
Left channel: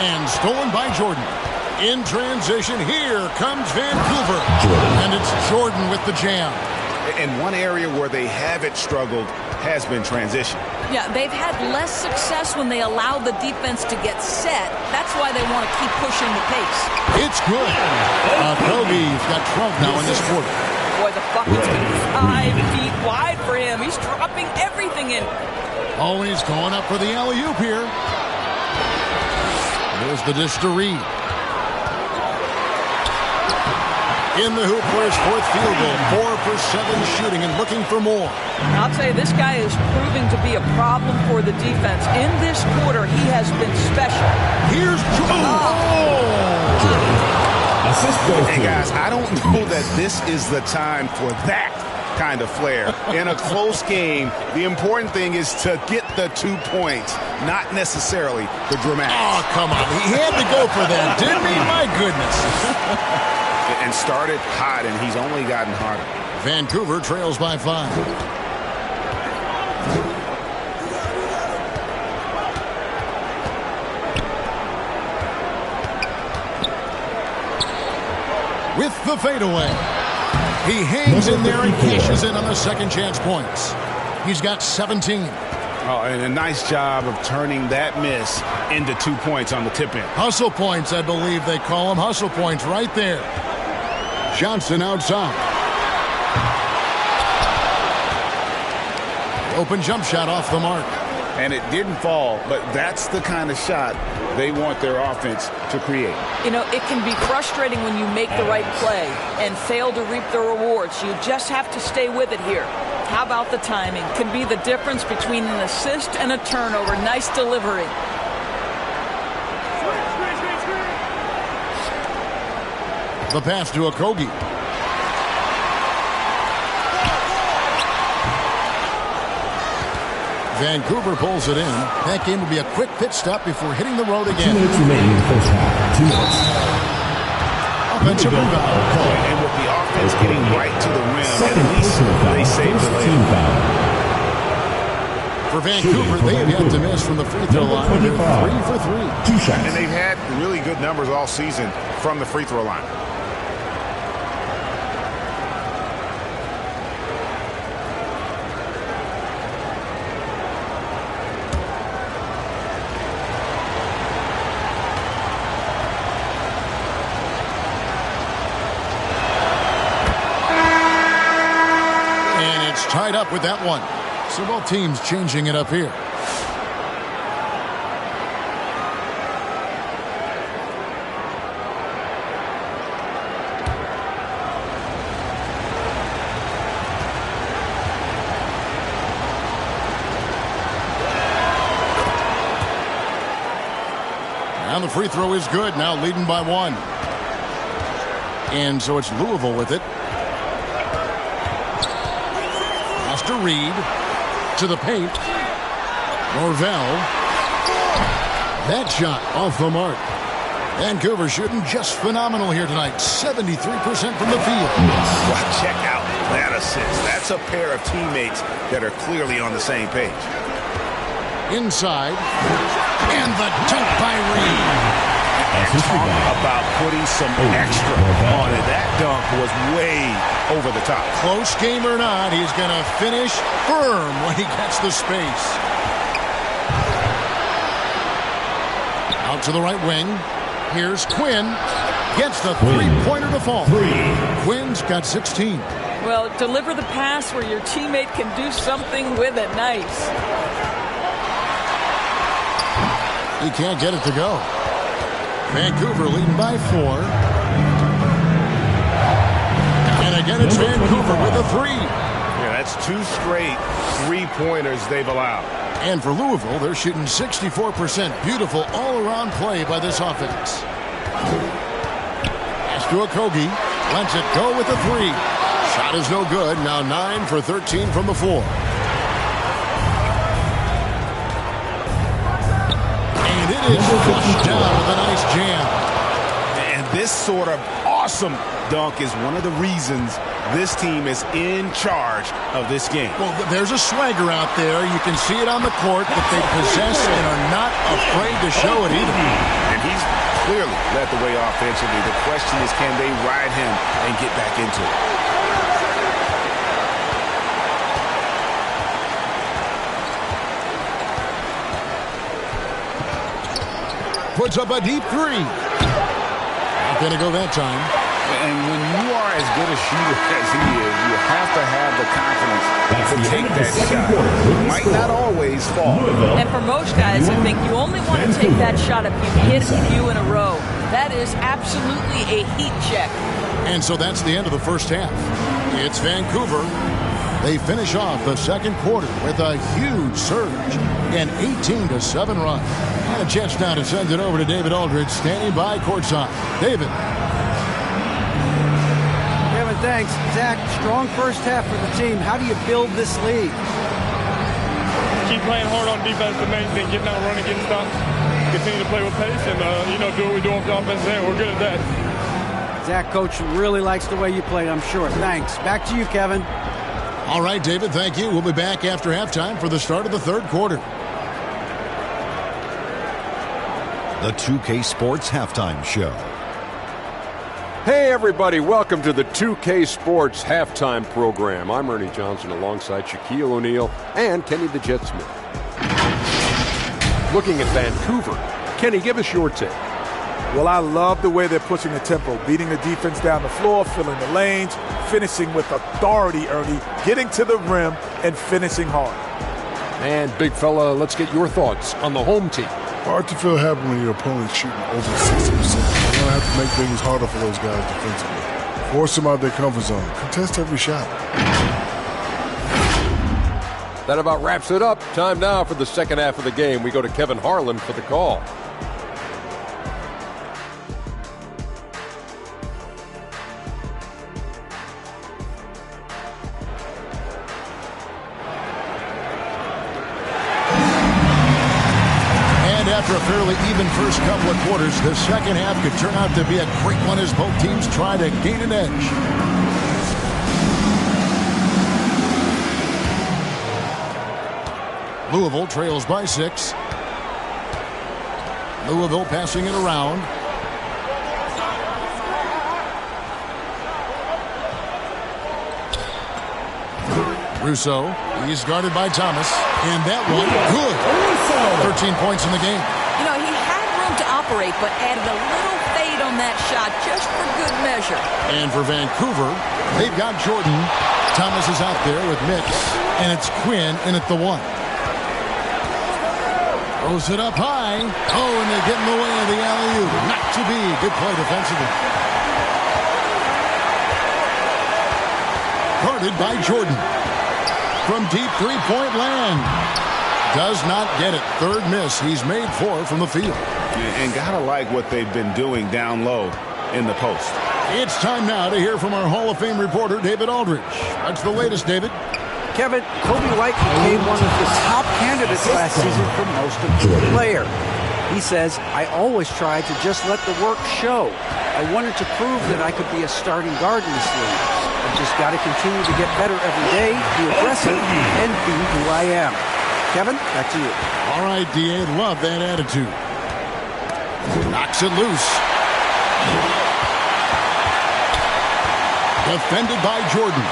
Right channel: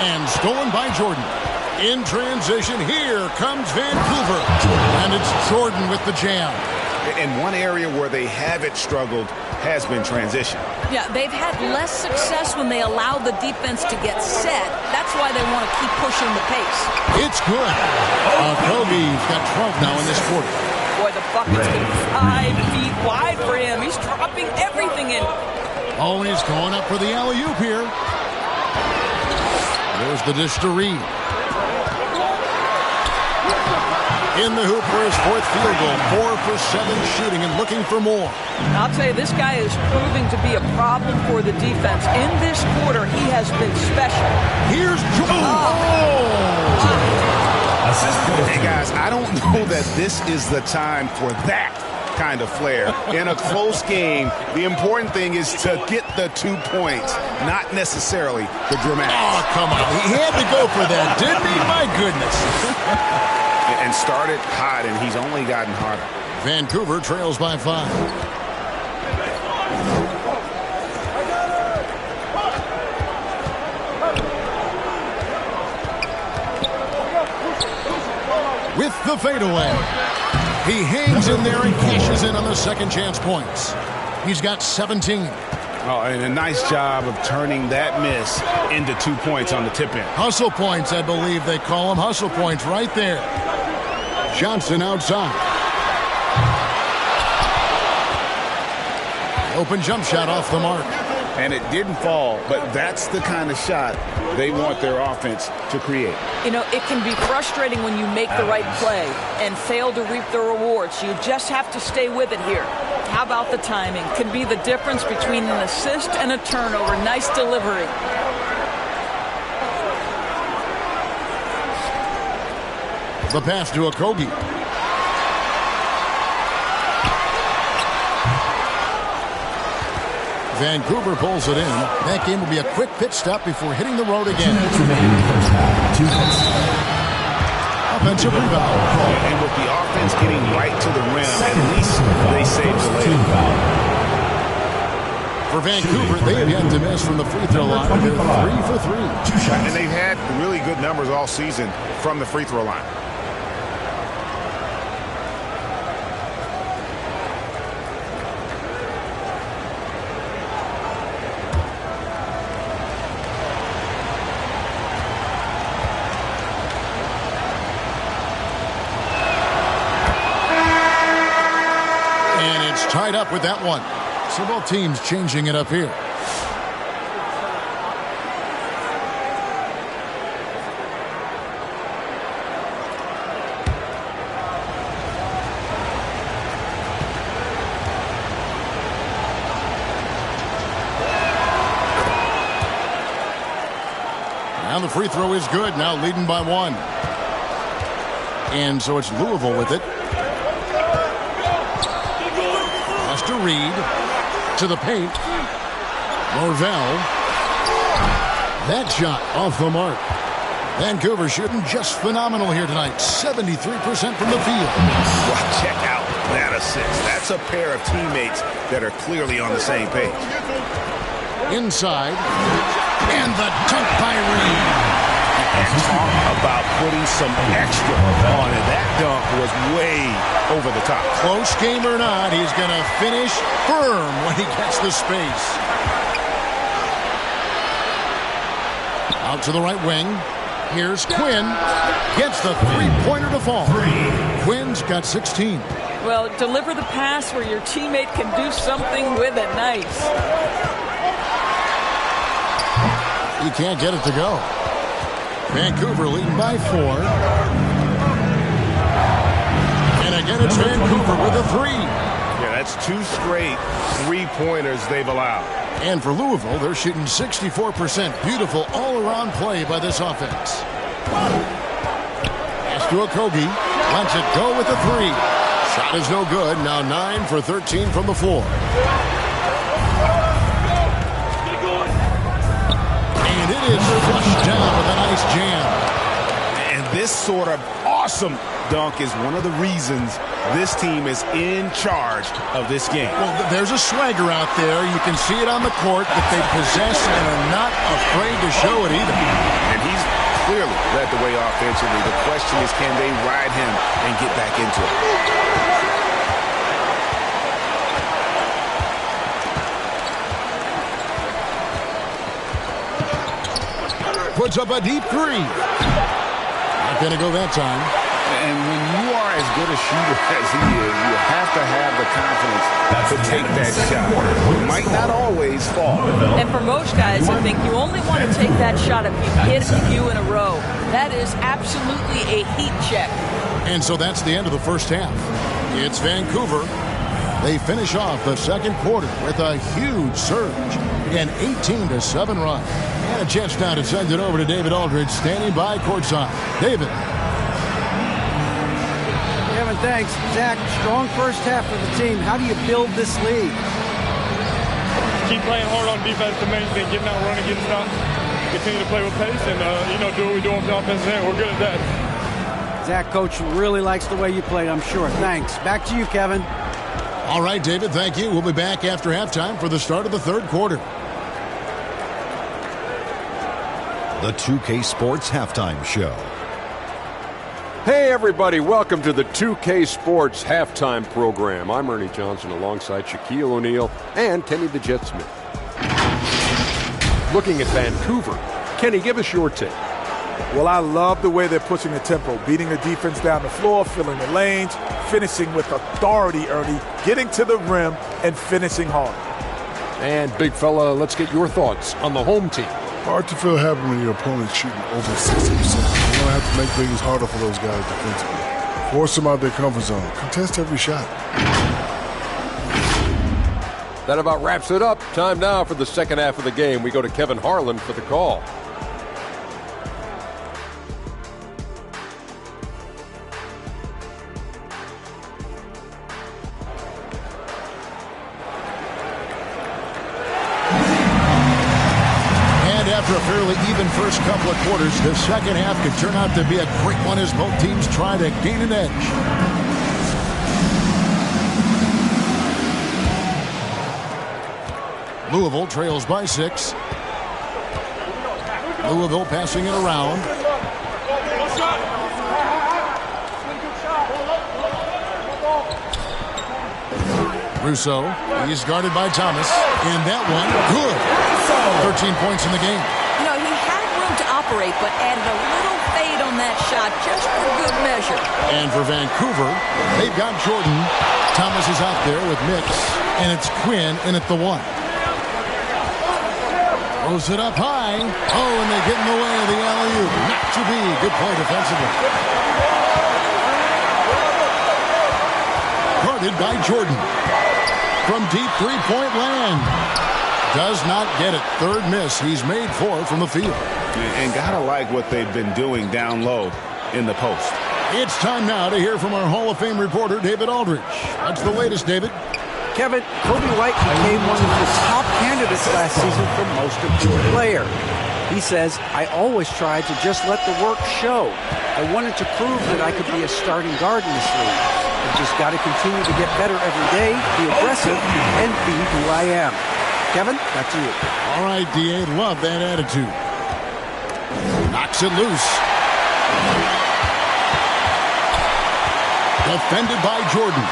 And stolen by Jordan. In transition, here comes Vancouver. And it's Jordan with the jam. And one area where they haven't struggled has been transition. Yeah, they've had less success when they allow the defense to get set. That's why they want to keep pushing the pace. It's good. Okogie's got 12 now in this quarter. Boy, the bucket's been 5 feet wide for him. He's dropping everything in. Oh, and he's going up for the alley-oop here. There's the dish to Reed. In the hoop for his 4th field goal. 4 for 7 shooting and looking for more. I'll tell you, this guy is proving to be a problem for the defense. In this quarter, he has been special. Here's Assist goes Hey, guys, I don't know that this is the time for that kind of flair. In a close game, the important thing is to get the 2 points, not necessarily the dramatics. Oh, come on. He had to go for that, didn't he? My goodness. And started hot, and he's only gotten hotter. Vancouver trails by 5. With the fadeaway. He hangs in there and cashes in on the second chance points. He's got 17. Oh, and a nice job of turning that miss into 2 points on the tip in. Hustle points, I believe they call them. Hustle points right there. Johnson outside. Open jump shot off the mark. And it didn't fall, but that's the kind of shot they want their offense to create. You know, it can be frustrating when you make the right play and fail to reap the rewards. You just have to stay with it here. How about the timing? Can be the difference between an assist and a turnover. Nice delivery. The pass to Okogie. Vancouver pulls it in. That game will be a quick pit stop before hitting the road 2 again. minutes remaining in the first half. 2 minutes. Offensive rebound. And with the offense getting right to the rim, at least they saved the layup. For Vancouver, they have yet to miss from the free throw line. They're 3 for 3. 2 shots. And they've had really good numbers all season from the free throw line. Tied up with that one. So both teams changing it up here. Now the free throw is good. Now leading by 1. And so it's Louisville with it. To Reed, to the paint. Norvell. That shot off the mark. Vancouver shooting just phenomenal here tonight. 73% from the field. Wow, check out that assist. That's a pair of teammates that are clearly on the same page. Inside. And the dunk by Reed. And talk about putting some extra on it. That dunk was way over the top. Close game or not, he's going to finish firm when he gets the space. Out to the right wing. Here's Quinn. Gets the three-pointer to fall. Quinn's got 16. Well, deliver the pass where your teammate can do something with it. Nice. He can't get it to go. Vancouver leading by 4. And again, it's Vancouver with a 3. Yeah, that's 2 straight three-pointers they've allowed. And for Louisville, they're shooting 64%. Beautiful all-around play by this offense. Pass to Okogie. Lets it go with a 3. Shot is no good. Now 9 for 13 from the floor. And it is flushed down with a nice jam. And this sort of awesome dunk is one of the reasons this team is in charge of this game. Well, there's a swagger out there. You can see it on the court that they possess and are not afraid to show it either. And he's clearly led the way offensively. The question is, can they ride him and get back into it? Puts up a deep 3. Not going to go that time. And when you are are as good a shooter as he is, you have to have the confidence to take that shot. Might not always fall. And for most guys, I think you only want to take that shot if you've hit a few in a row. That is absolutely a heat check. And so that's the end of the first half. It's Vancouver. They finish off the second quarter with a huge surge, an 18-7 run. And a chance now to send it over to David Aldridge, standing by courtside. David. Kevin, thanks. Zach, strong first half for the team. How do you build this lead? Keep playing hard on defense, the main thing. Getting out, running, getting stops. Continue to play with pace and, do what we do on the offensive end. We're good at that. Zach, coach really likes the way you played, I'm sure. Thanks. Back to you, Kevin. All right, David, thank you. We'll be back after halftime for the start of the third quarter. The 2K Sports Halftime Show. Hey, everybody. Welcome to the 2K Sports Halftime Program. I'm Ernie Johnson alongside Shaquille O'Neal and Kenny the Jet Smith. Looking at Vancouver. Kenny, give us your take. Well, I love the way they're pushing the tempo, beating the defense down the floor, filling the lanes, finishing with authority, Ernie, getting to the rim and finishing hard. And, big fella, let's get your thoughts on the home team. Hard to feel happy when your opponent's shooting over 60%. You're going to have to make things harder for those guys defensively. Force them out their comfort zone. Contest every shot. That about wraps it up. Time now for the second half of the game. We go to Kevin Harlan for the call. After a fairly even first couple of quarters, the second half could turn out to be a great one as both teams try to gain an edge. Louisville trails by 6. Louisville passing it around. Russo, he's guarded by Thomas, and that one, good. 13 points in the game. You know, he had room to operate, but added a little fade on that shot just for good measure. And for Vancouver, they've got Jordan. Thomas is out there with Mix, and it's Quinn in at the 1. Throws it up high. Oh, and they get in the way of the alley-oop. Not to be. Good play defensively. Guarded by Jordan. From deep three-point land. Does not get it. Third miss. He's made 4 from the field. And gotta like what they've been doing down low in the post. It's time now to hear from our Hall of Fame reporter, David Aldridge. What's the latest, David? Kevin, Kobe White became one of the top candidates last season for most improved player. He says, I always tried to just let the work show. I wanted to prove that I could be a starting guard in this league. I've just got to continue to get better every day, be aggressive, and be who I am. Kevin, back to you. All right, D.A., love that attitude. Knocks it loose. Defended by Jordan.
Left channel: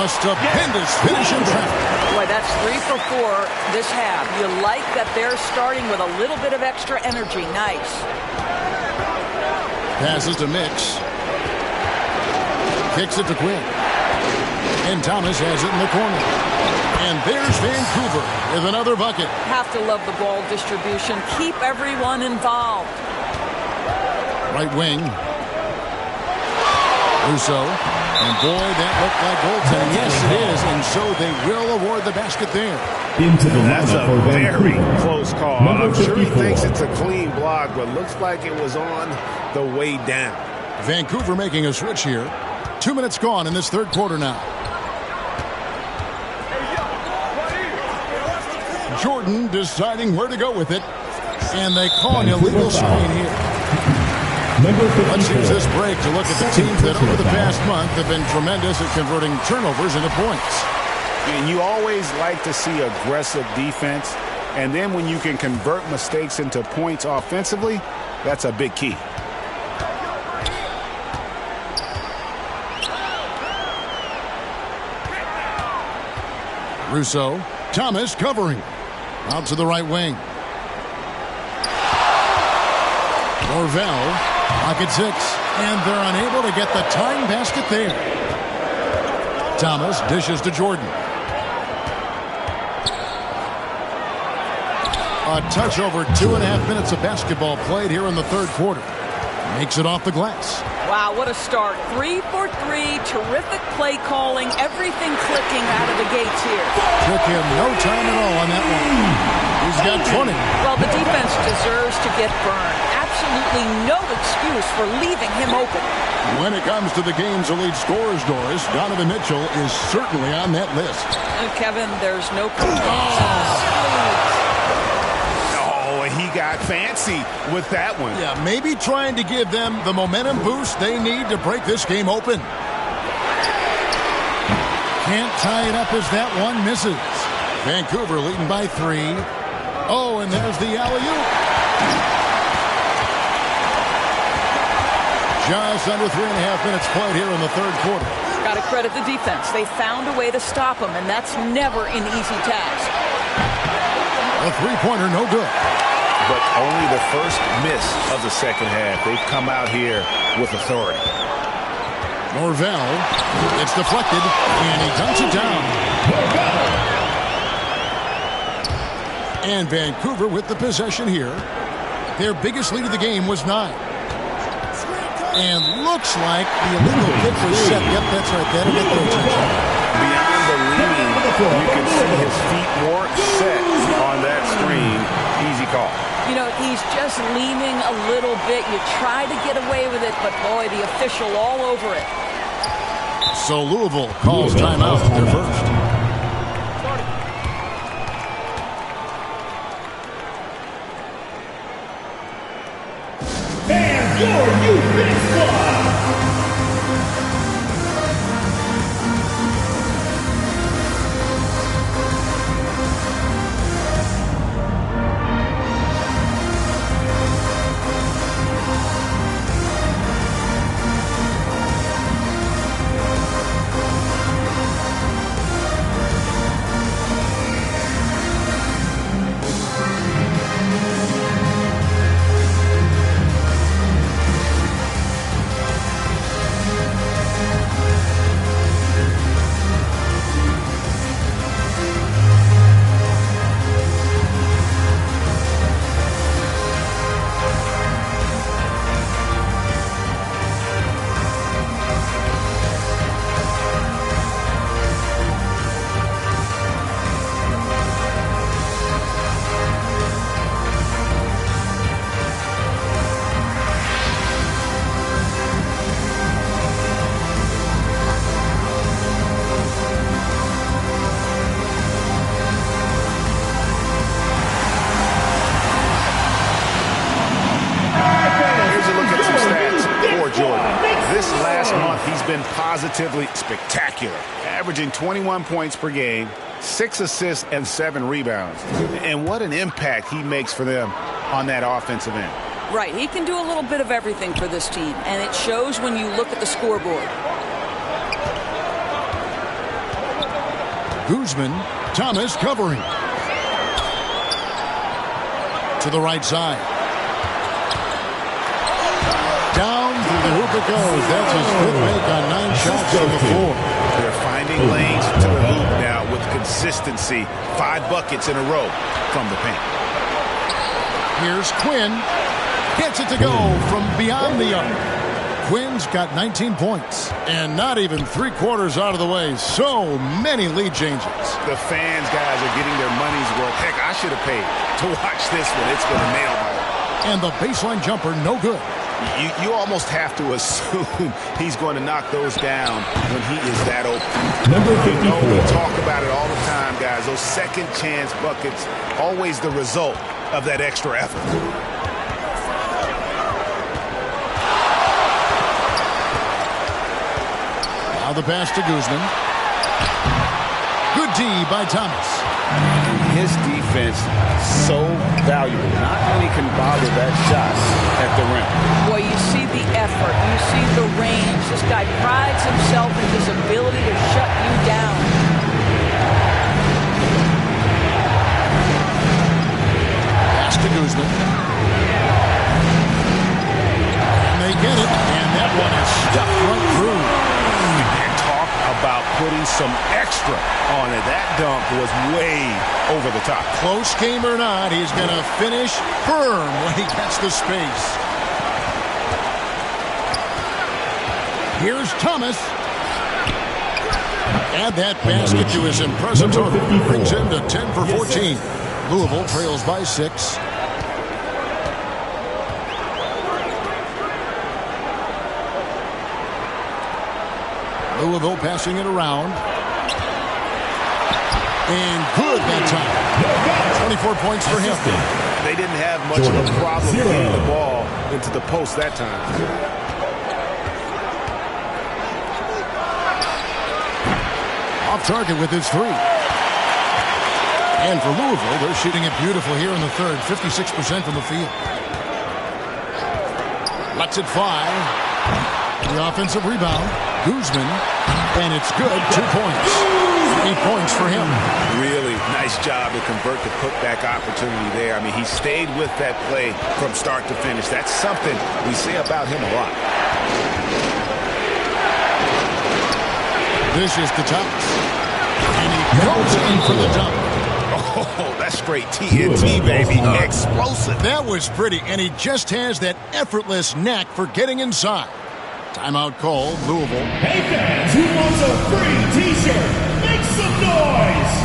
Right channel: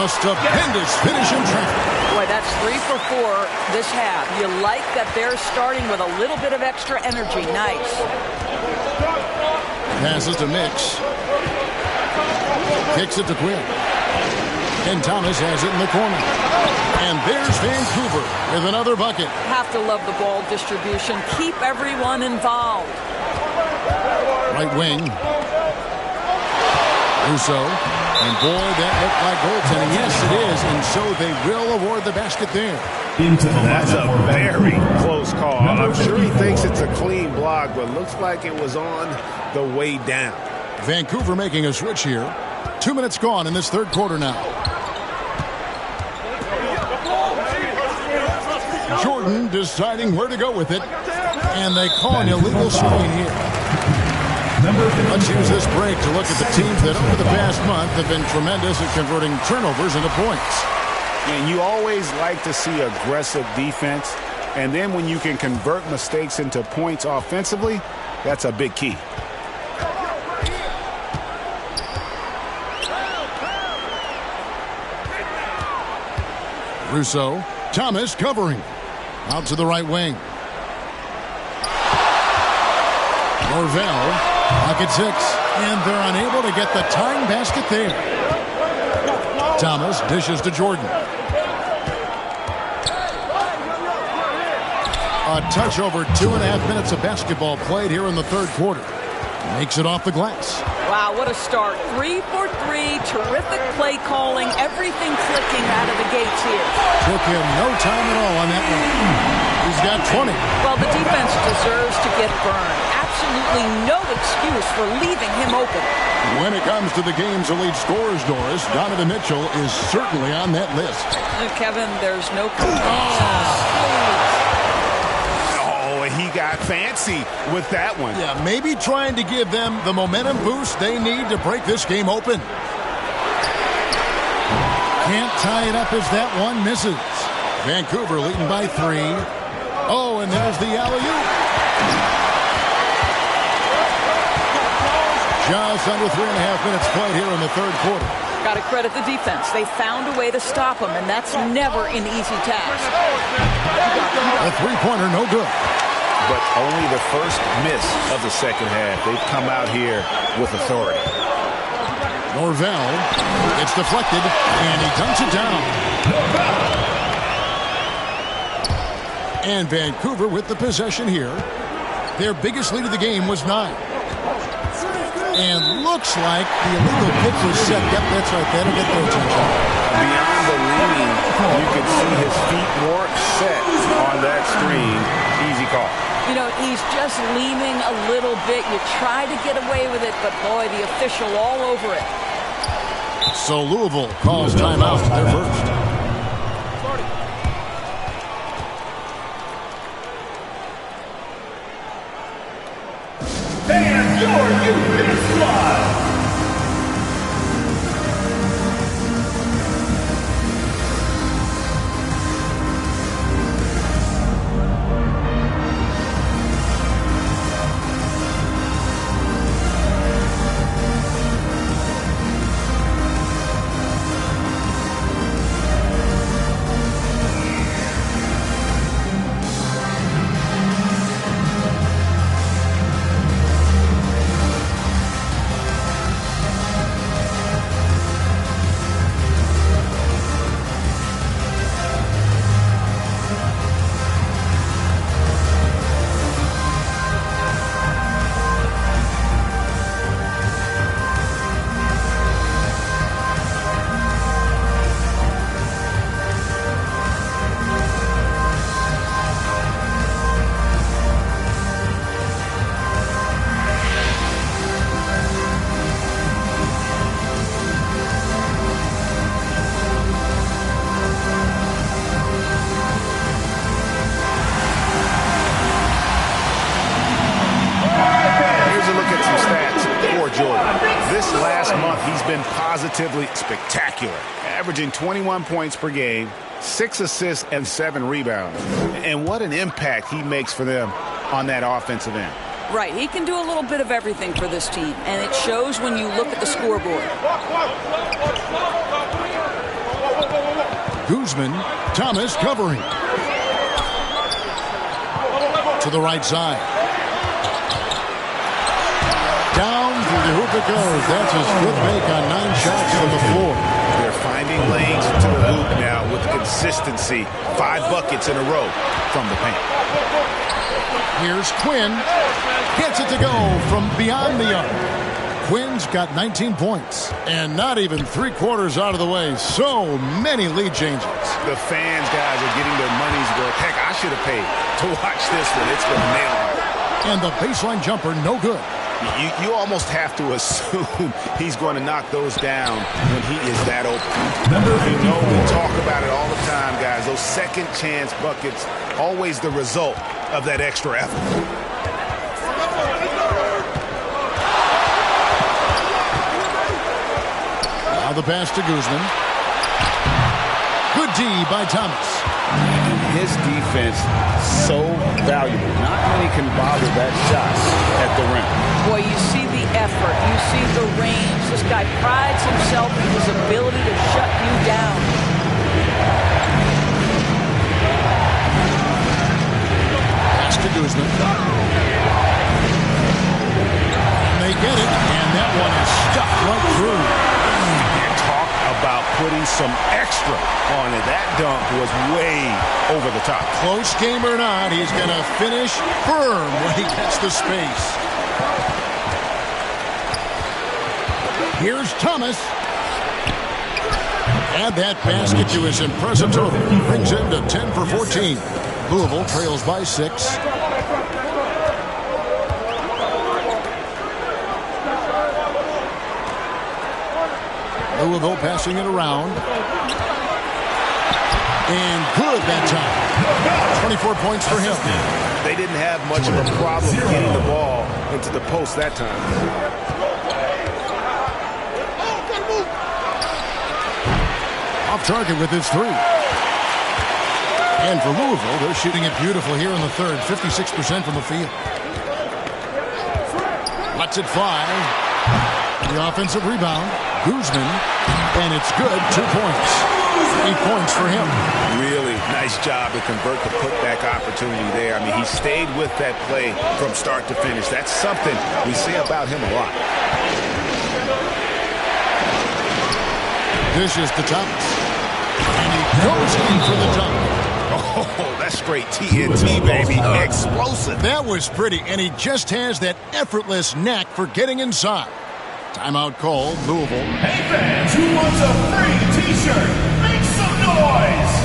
A stupendous finish in traffic. Boy, that's 3 for 4 this half. You like that they're starting with a little bit of extra energy. Nice. Passes to Mix. Kicks it to Quinn. And Thomas has it in the corner. And there's Vancouver with another bucket. Have to love the ball distribution. Keep everyone involved. Right wing. Russo. And boy, that looked like goaltending. Yes, it is. And so they will award the basket there. That's a very close call. I'm sure he 54. thinks it's a clean block, but looks like it was on the way down. Vancouver making a switch here. 2 minutes gone in this third quarter now. Jordan deciding where to go with it. And they call an illegal screen here. Let's use this break to look at the teams that over the past month have been tremendous at converting turnovers into points. And you always like to see aggressive defense. And then when you can convert mistakes into points offensively, that's a big key. Russo. Thomas covering. Out to the right wing. Norvell. Pocket 6, and they're unable to get the tying basket there. Thomas dishes to Jordan. A touch over 2.5 minutes of basketball played here in the third quarter. Makes it off the glass. Wow, what a start. 3 for 3. Terrific play calling. Everything clicking out of the gates here. Took him no time at all on that one. He's got 20. Well, the defense deserves to get burned. Absolutely no excuse for leaving him open. When it comes to the game's elite scorers, Doris, Donovan Mitchell is certainly on that list. Kevin, there's no complaints. Oh, he got fancy with that one. Yeah, maybe trying to give them the momentum boost they need to break this game open. Can't tie it up as that one misses. Vancouver leading by 3. Oh, and there's the alley-oop. Just under 3.5 minutes played here in the third quarter. Got to credit the defense. They found a way to stop him, and that's never an easy task. A three-pointer, no good. But only the first miss of the second half. They've come out here with authority. Norvell, it's deflected, and he dunks it down. And Vancouver with the possession here. Their biggest lead of the game was 9. And looks like the illegal kick was set. Yep, that's right. That'll get their attention. Beyond the leaning, you can see his feet more set on that screen. Easy call. You know, he's just leaning a little bit. You try to get away with it, but boy, the official all over it. So Louisville calls timeout. They're first. And your youth big squad. This last month, he's been positively spectacular, averaging 21 points per game, 6 assists, and 7 rebounds. And what an impact he makes for them on that offensive end. Right, he can do a little bit of everything for this team, and it shows when you look at the scoreboard. Guzman, Thomas covering. To the right side. Down through the hoop it goes. That's his 5th make on 9 shots from the floor. They're finding lanes to the hoop now with consistency. 5 buckets in a row from the paint. Here's Quinn. Gets it to go from beyond the arc. Quinn's got 19 points. And not even 3/4 out of the way. So many lead changes. The fans, guys, are getting their money's worth. Heck, I should have paid to watch this one. It's been a nail biter. And the baseline jumper, no good. You almost have to assume he's going to knock those down when he is that open. You know, we talk about it all the time, guys. Those second chance buckets, always the result of that extra effort. Now the pass to Guzman. Good D by Thomas. And his defense, so valuable. Not many can bother that shot at the rim. Boy, you see the effort. You see the range. This guy prides himself in his ability to shut you down. Pass to Guzman. And they get it, and that one is stuffed right through. And talk about putting some extra on it. That dunk was way over the top. Close game or not, he's going to finish firm when he gets the space. Here's Thomas. Add that basket to his impressive total. Brings him to 10 for 14. Louisville trails by 6. Louisville passing it around. And good that time. 24 points for him. They didn't have much of a problem getting the ball into the post that time. Off target with his 3. And for Louisville, they're shooting it beautiful here in the third. 56% from the field. Lets it fly. The offensive rebound. Guzman. And it's good. 2 points. 8 points for him. Really nice job to convert the putback opportunity there. I mean, he stayed with that play from start to finish. That's something we say about him a lot. Dishes to Thomas. And he goes in for the dunk. Oh, that's straight TNT, baby. Explosive. That was pretty, and he just has that effortless knack for getting inside. Timeout called, Louisville. Hey, fans, who wants a free T-shirt? Make some noise!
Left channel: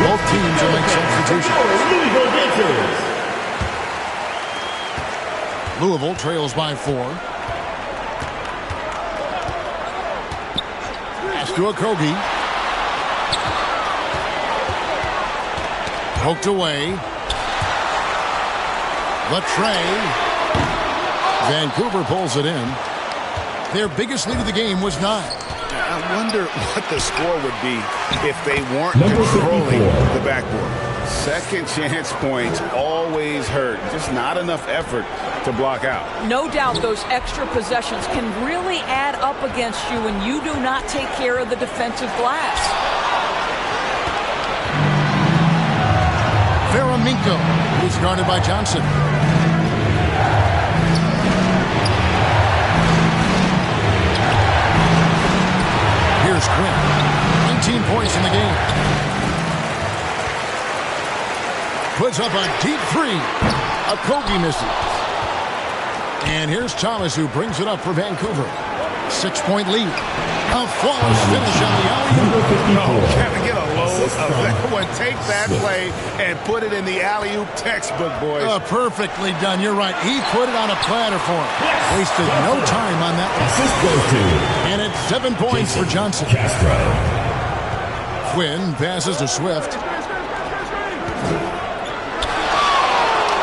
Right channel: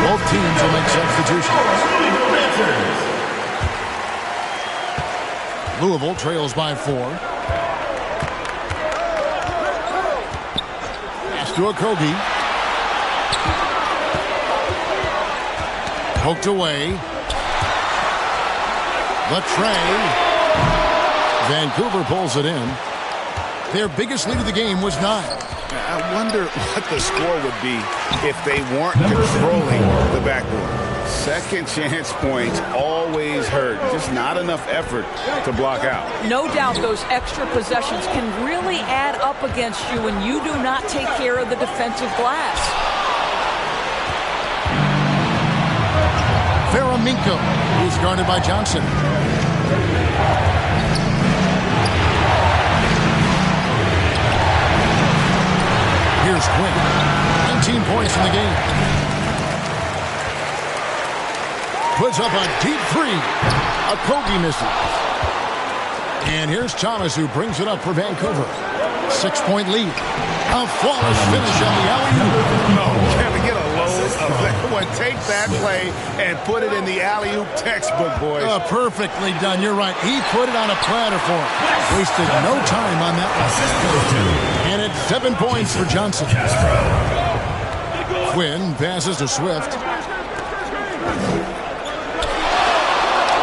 Both teams will make substitutions. Louisville trails by 4. Pass to Okogie. Poked away. The tray. Vancouver pulls it in. Their biggest lead of the game was 9. I wonder what the score would be if they weren't controlling the backboard. Second chance points always hurt. Just not enough effort to block out. No doubt those extra possessions can really add up against you when you do not take care of the defensive glass. Faraminko, who's guarded by Johnson. Here's Quinn. 19 points in the game. Puts up a deep 3. Okogie misses. And here's Thomas, who brings it up for Vancouver. 6-point lead. A flawless finish on the alley-oop. No, can I get a load of that one? Take that play and put it in the alley-oop textbook, boys. Perfectly done. You're right. He put it on a platter for him. Wasted no time on that one. And it's 7 points for Johnson. Quinn passes to Swift.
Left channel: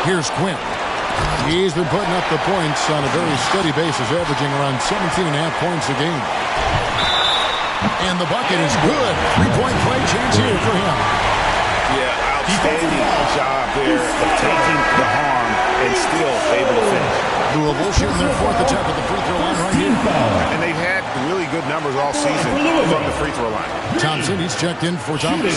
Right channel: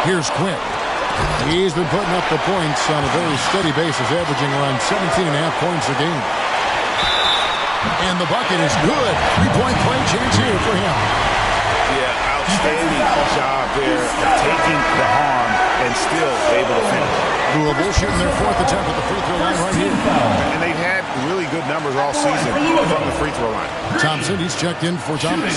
Here's Quinn. He's been putting up the points on a very steady basis, averaging around 17.5 points a game. And the bucket is good. 3-point play chance here for him. Yeah, outstanding job there of taking the harm and still able to finish. Louisville shooting their 4th attempt at the free throw line right here. And they've had really good numbers all season from the free throw line. Thompson, he's checked in for Thomas.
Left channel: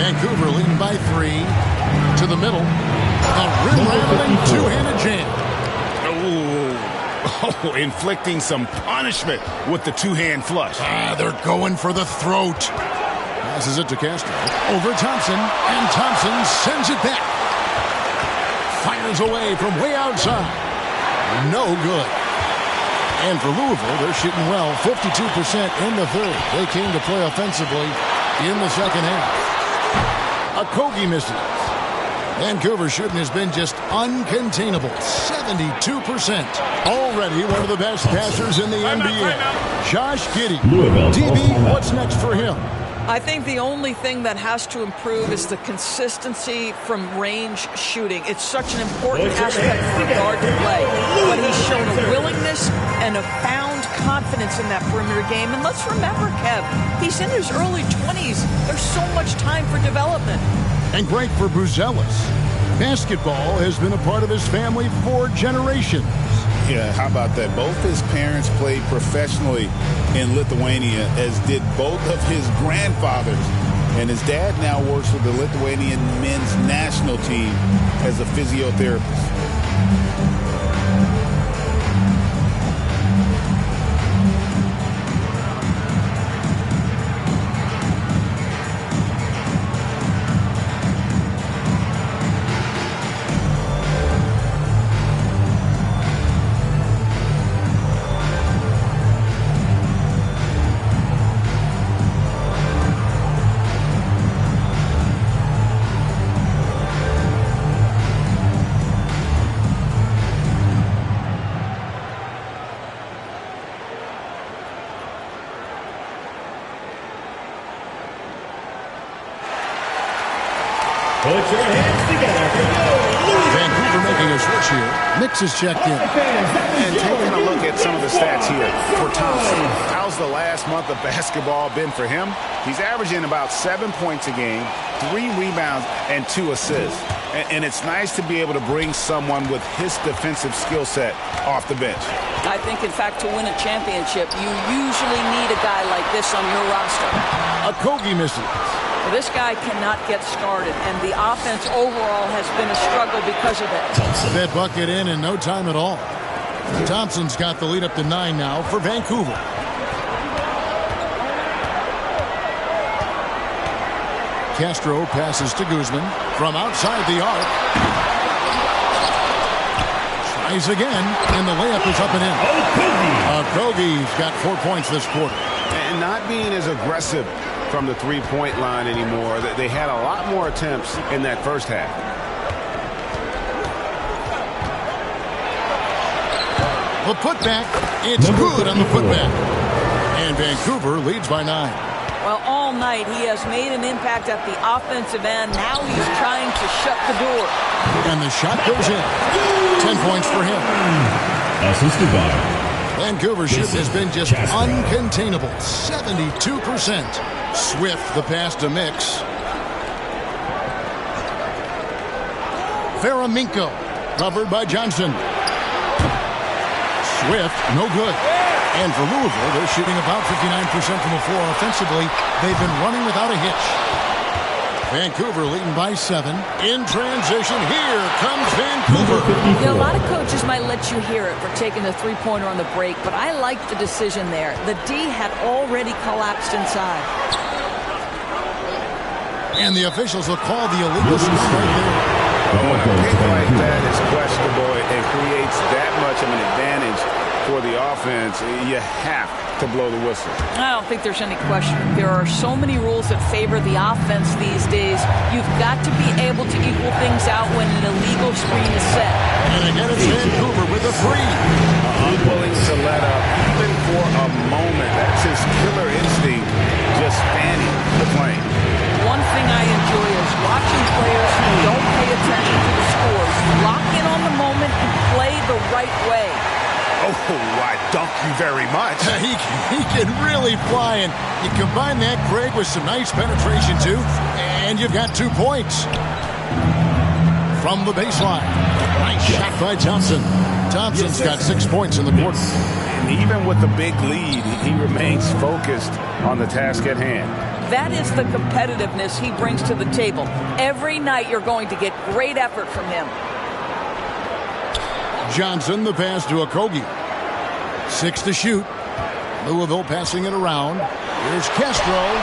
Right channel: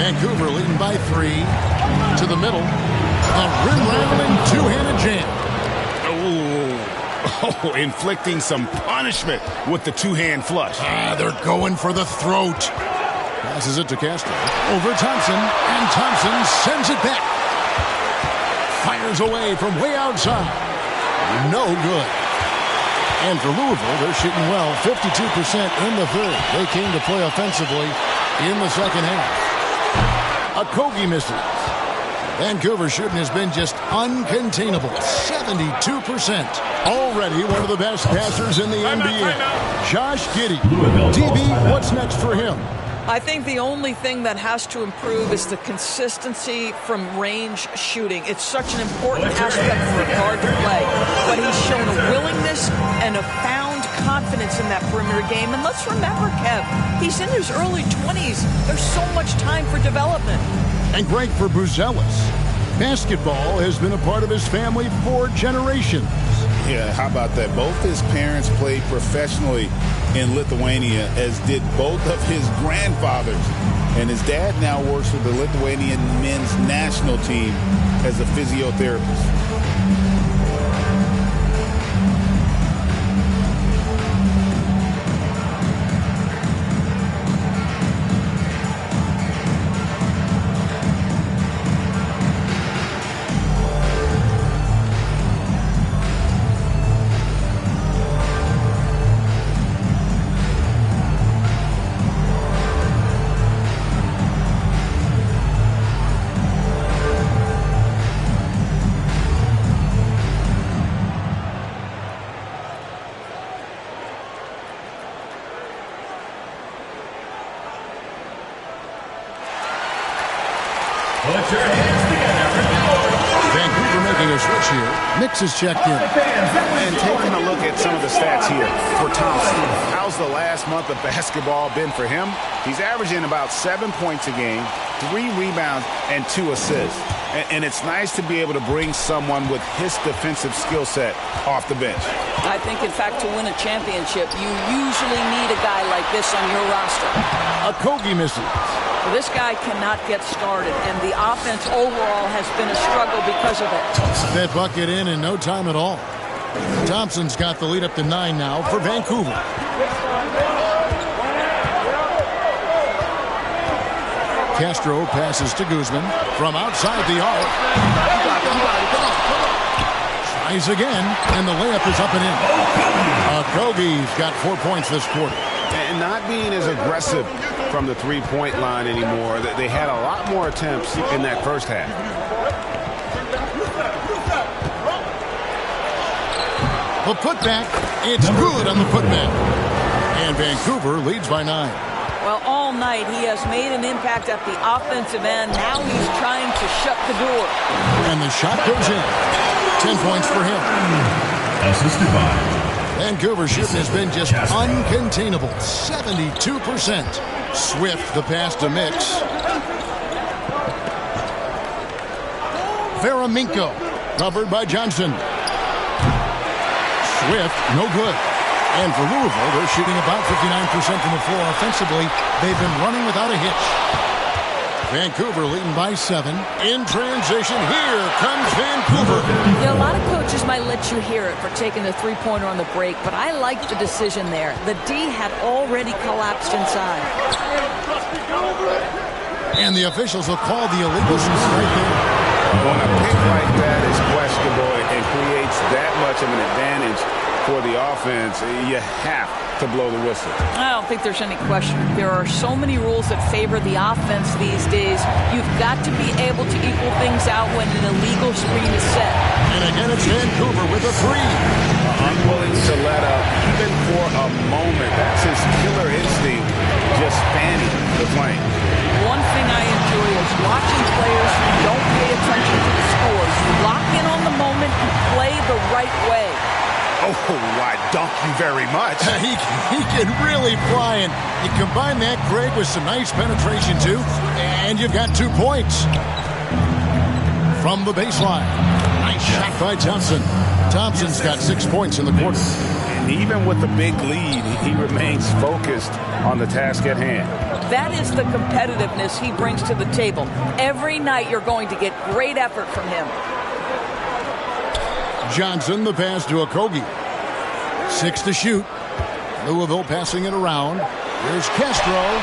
Vancouver leading by 3 to the middle. A rim-rattling two-handed jam. Oh, inflicting some punishment with the two-hand flush. They're going for the throat. Passes it to Castro. Over Thompson, and Thompson sends it back. Fires away from way outside. No good. And for Louisville, they're shooting well, 52% in the third. They came to play offensively in the second half. Okogie misses. Vancouver's shooting has been just uncontainable, 72%. Already one of the best passers in the NBA. Josh Giddey. DB, what's next for him? I think the only thing that has to improve is the consistency from range shooting. It's such an important aspect for a guard to play. But he's shown a willingness and a found confidence in that perimeter game. And let's remember, Kev, he's in his early 20s. There's so much time for development. And great for Buzelis. Basketball has been a part of his family for generations. Yeah, how about that? Both his parents played professionally in Lithuania, as did both of his grandfathers. And his dad now works with the Lithuanian men's national team as a physiotherapist. Put your hands together for Vancouver making a switch here. Mix is checked in. And taking a look at some of the stats here for Thompson. How's the last month of basketball been for him? He's averaging about 7 points a game, 3 rebounds, and 2 assists. And it's nice to be able to bring someone with his defensive skill set off the bench. I think, in fact, to win a championship, you usually need a guy like this on your roster. Okogie misses. Well, this guy cannot get started, and the offense overall has been a struggle because of it. That bucket in no time at all. Thompson's got the lead up to 9 now for Vancouver. Castro passes to Guzman from outside the arc. Tries again, and the layup is up and in. Okogie's got 4 points this quarter. And not being as aggressive from the three-point line anymore. They had a lot more attempts in that first half. The putback, it's good on the putback. And Vancouver leads by 9. Well, all night he has made an impact at the offensive end. Now he's trying to shut the door. And the shot goes in. 10 points for him. Assisted by Vancouver's shooting has been just uncontainable. 72%. Swift the pass to Mix. Veraminko covered by Johnson. Swift, no good. And for Louisville, they're shooting about 59% from the floor offensively. They've been running without a hitch. Vancouver leading by 7. In transition, here comes Vancouver. A lot of coaches might let you hear it for taking the three-pointer on the break, but I like the decision there. The D had already collapsed inside. And the officials will call the illegal screen right there. When a pick like that is questionable and creates that much of an advantage for the offense, you have to blow the whistle. I don't think there's any question. There are so many rules that favor the offense these days. You've got to be able to equal things out when an illegal screen is set. And again, it's Vancouver with a 3. Unwilling to let up even for a moment. That's his killer instinct, just fanning the flame. One thing I enjoy is watching players who don't pay attention to the score. You lock in on the moment and play the right way. Oh, I dunk you very much. He can really fly, and you combine that, Greg, with some nice penetration, too, and you've got 2 points. From the baseline, nice shot by Thompson. Thompson's got 6 points in the quarter. And even with the big lead, he remains focused on the task at hand. That is the competitiveness he brings to the table. Every night you're going to get great effort from him. Johnson, the pass to Okogie. 6 to shoot. Louisville passing it around. Here's Castro.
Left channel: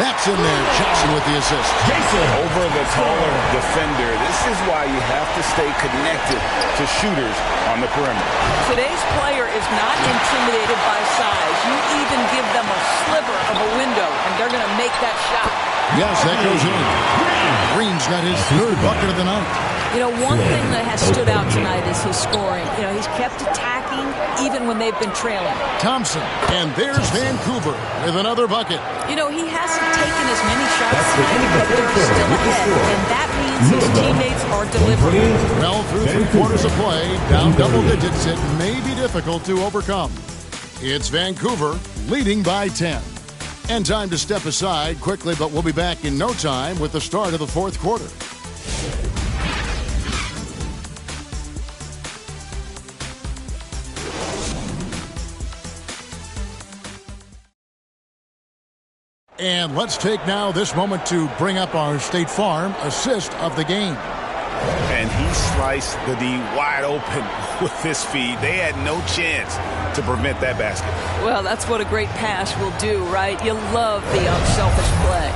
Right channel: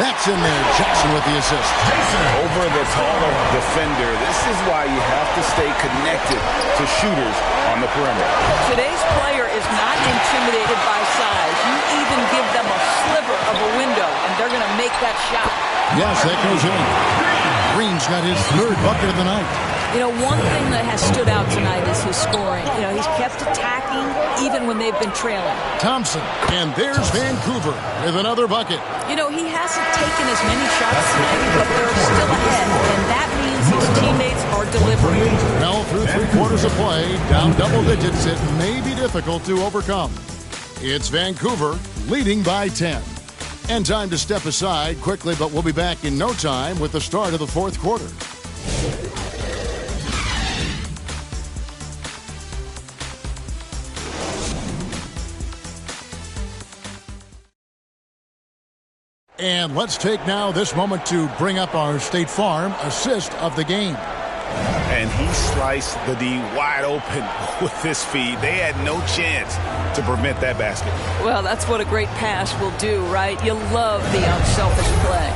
That's in there. Johnson with the assist. Over the taller defender. This is why you have to stay connected to shooters on the perimeter. Today's player is not intimidated by size. You even give them a sliver of a window, and they're going to make that shot. Yes, that goes in. Green's got his third bucket of the night. You know, one thing that has stood out tonight is his scoring. You know, he's kept attacking even when they've been trailing. Thompson, and there's Vancouver with another bucket. You know, he hasn't taken as many shots tonight, but they're still ahead, and that means his teammates are delivering. Well, through 3 quarters of play, down double digits, it may be difficult to overcome. It's Vancouver leading by 10. And time to step aside quickly, but we'll be back in no time with the start of the fourth quarter. And let's take now this moment to bring up our State Farm assist of the game. And he sliced the D wide open with this feed. They had no chance to prevent that basket. Well, that's what a great pass will do, right? You love the unselfish play.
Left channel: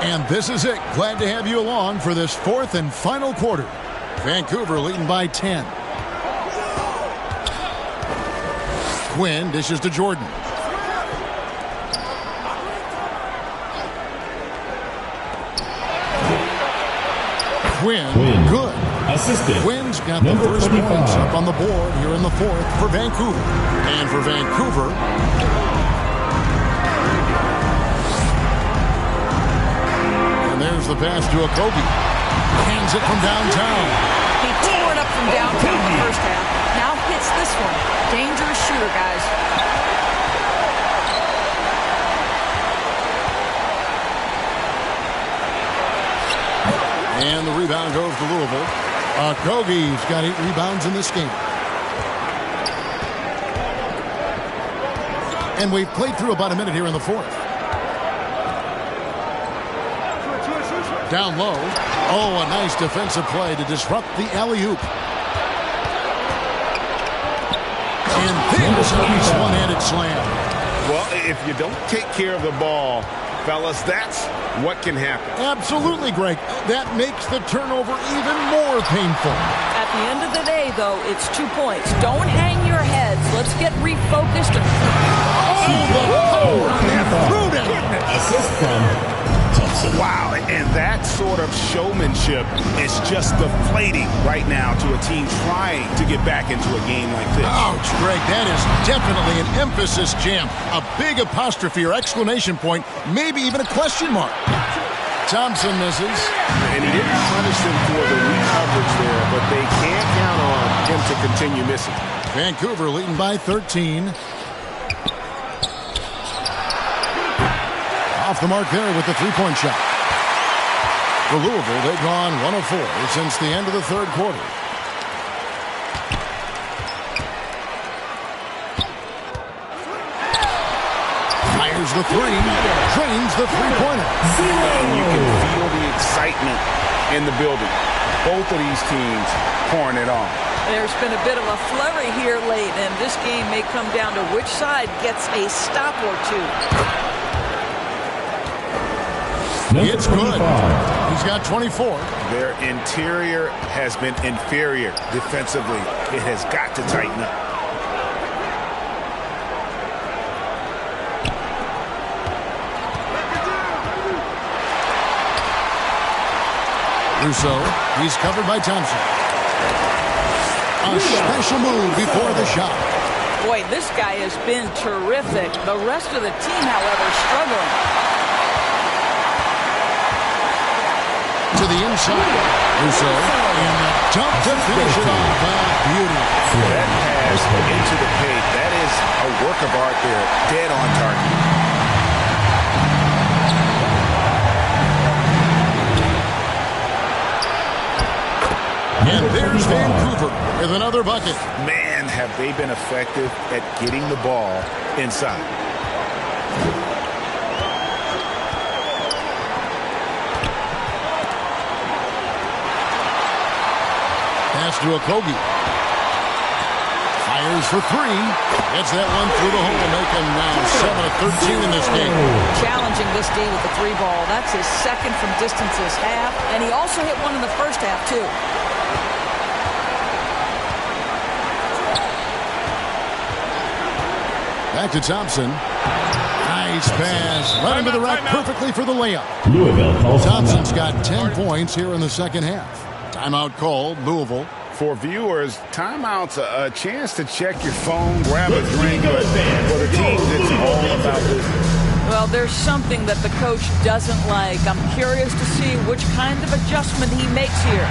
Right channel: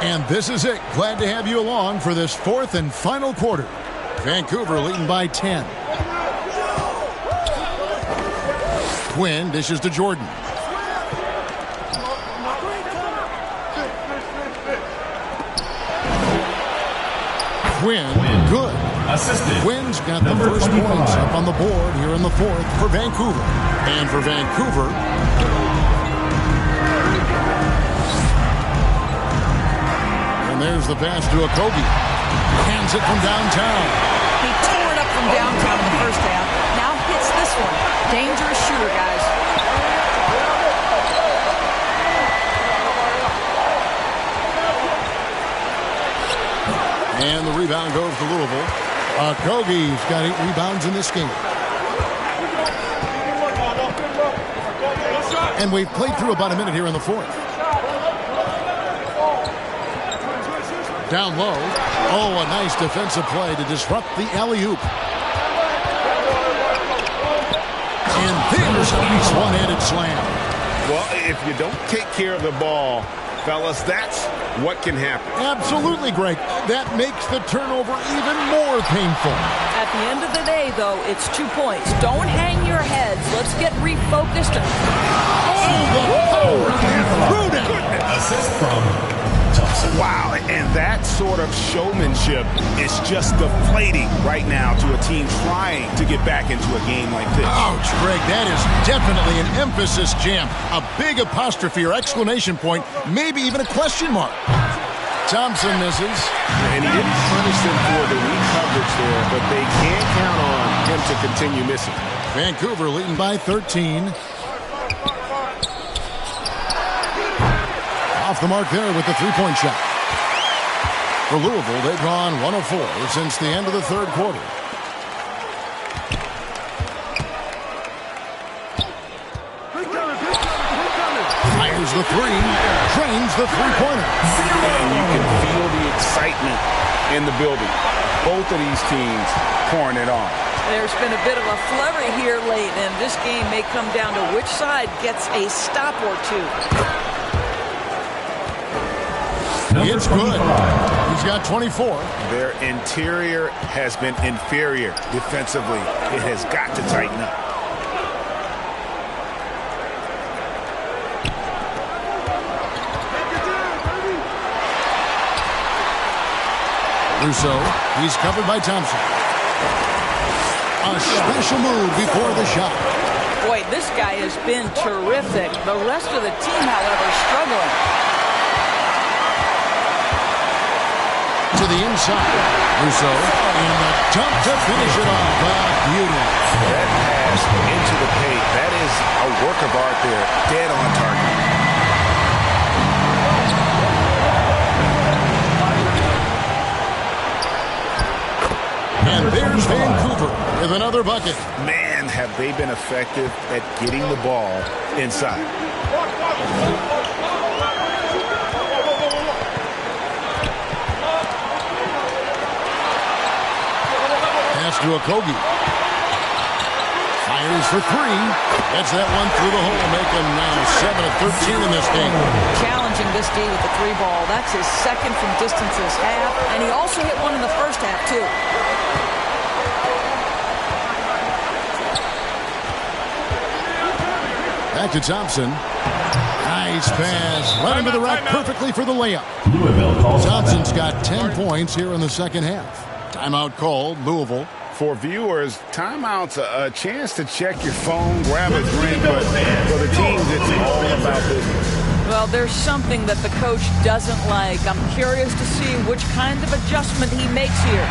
And this is it. Glad to have you along for this fourth and final quarter. Vancouver leading by 10. Quinn dishes to Jordan. Quinn, good. Assisted. Quinn's got the first points up on the board here in the fourth for Vancouver. And for Vancouver, and there's the pass to Okogie. Hands it from downtown. He tore it up from downtown in the first half. Now hits this one. Dangerous shooter, guys. And the rebound goes to Louisville. Okogie's got 8 rebounds in this game. And we've played through about a minute here in the fourth. Down low. Oh, a nice defensive play to disrupt the alley-oop. And there's a nice one-handed slam. Well, if you don't take care of the ball, fellas, that's what can happen. Absolutely, Greg. That makes the turnover even more painful. At the end of the day, though, it's 2 points. Don't hang your heads. Let's get refocused. Oh, the power on that throwdown. Assist from Thompson. Wow, and that sort of showmanship is just deflating right now to a team trying to get back into a game like this. Ouch, Greg, that is definitely an emphasis jam. A big apostrophe or exclamation point, maybe even a question mark. Thompson misses. And he didn't punish them for the weak coverage there, but they can't count on him to continue missing. Vancouver leading by 13. Off the mark there with the three-point shot. For Louisville, they've gone 1 of 4 since the end of the third quarter. Fires the three, drains the three-pointer. And you can feel the excitement in the building. Both of these teams pouring it on. There's been a bit of a flurry here late, and this game may come down to which side gets a stop or two. It's good. He's got 24. Their interior has been inferior defensively. It has got to tighten up. Russo, he's covered by Thompson. A special move before the shot. Boy, this guy has been terrific. The rest of the team, however, struggling. To the inside. Russo, and the dunk to finish it off. Beauty. That pass into the paint, that is a work of art there. Dead on target. And there's Vancouver with another bucket. Man, have they been effective at getting the ball inside. Pass to Okogie. Fires for three. Gets that one through the hole. Make him now 7 of 13 in this game. Challenging this D with the 3 ball. That's his second from distance this half. And he also hit one in the first half, too. Back to Thompson. Nice pass. Right into the rack perfectly for the layup. Thompson's got 10 points here in the second half. Timeout called, Louisville. For viewers, timeout's a chance to check your phone, grab a drink, but for the teams, it's all about business. Well, there's something that the coach doesn't like. I'm curious to see which kind of adjustment he makes here.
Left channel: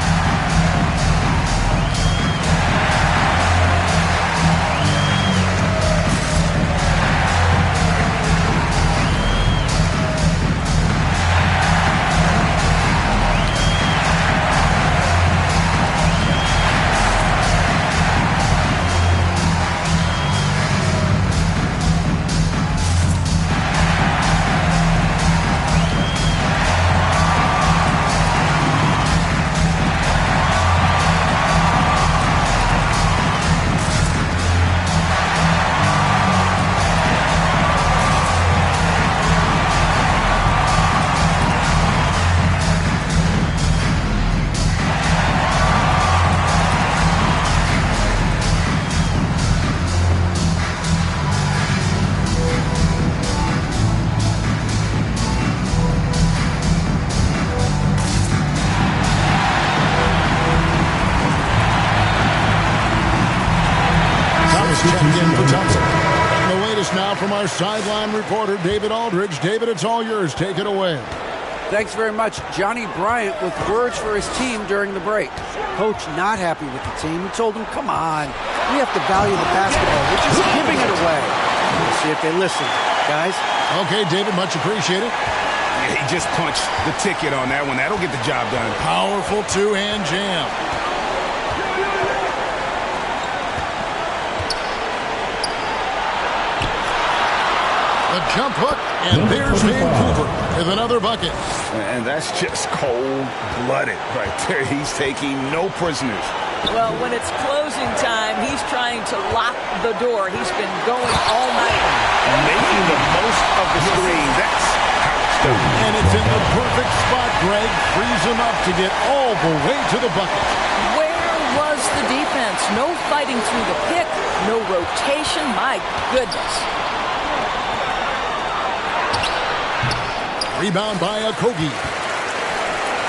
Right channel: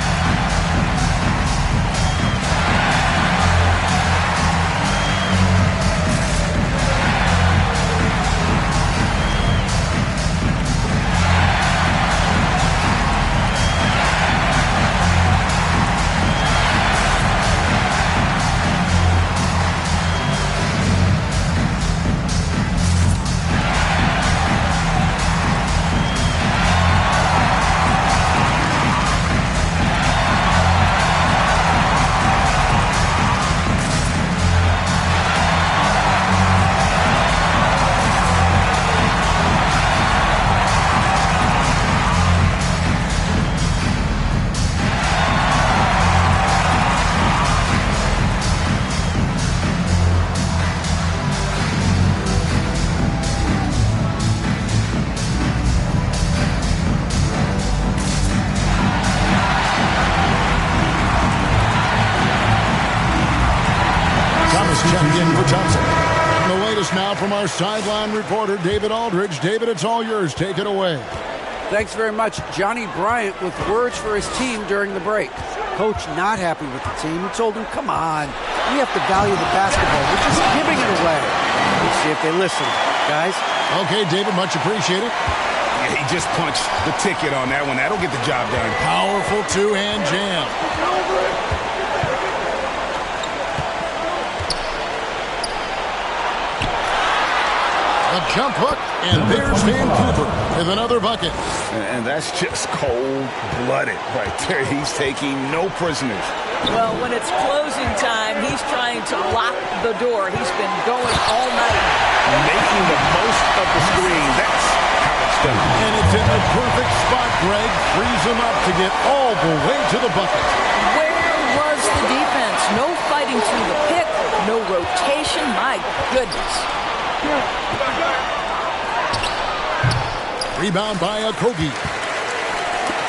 Checked in for Thompson. And the latest now from our sideline reporter, David Aldridge. David, it's all yours. Take it away. Thanks very much. Johnny Bryant with words for his team during the break. Coach not happy with the team. He told them, come on, we have to value the basketball. We're just giving it away. We'll see if they listen, guys. Okay, David, much appreciated. Yeah, he just punched the ticket on that one. That'll get the job done. Powerful two-hand jam. The jump hook, and there's Vancouver with another bucket. And that's just cold-blooded right there. He's taking no prisoners. Well, when it's closing time, he's trying to lock the door. He's been going all night. Making the most of the screen. That's how it's done. And it's in the perfect spot, Greg. Frees him up to get all the way to the bucket. Where was the defense? No fighting through the pick, no rotation. My goodness. Rebound by Okogie.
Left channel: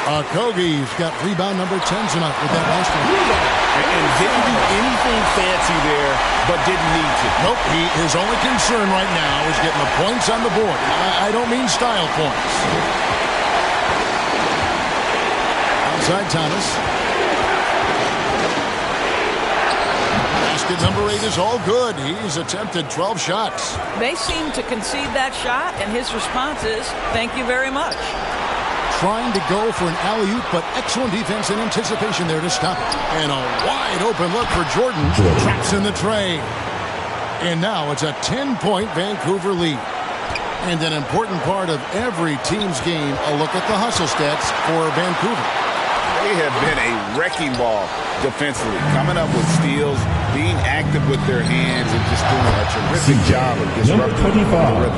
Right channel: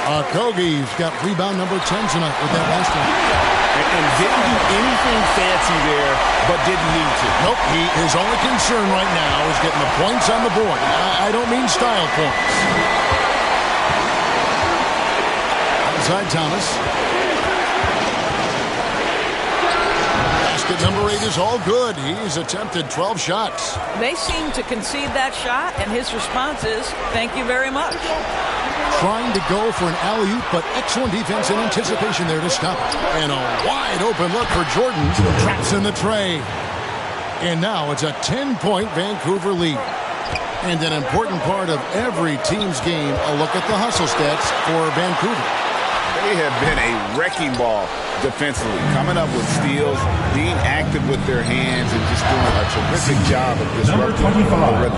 Okogie's got rebound number 10 tonight with that last one. And didn't do anything fancy there, but didn't need to. Nope, his only concern right now is getting the points on the board. I don't mean style points. Outside Thomas. Basket number 8 is all good. He's attempted 12 shots. They seem to concede that shot, and his response is, thank you very much. Trying to go for an alley-oop, but excellent defense and anticipation there to stop it. And a wide-open look for Jordan. Traps in the tray. And now it's a 10-point Vancouver lead. And an important part of every team's game, a look at the hustle stats for Vancouver. They have been a wrecking ball defensively, coming up with steals, being active with their hands, and just doing a terrific job of disrupting the rhythm.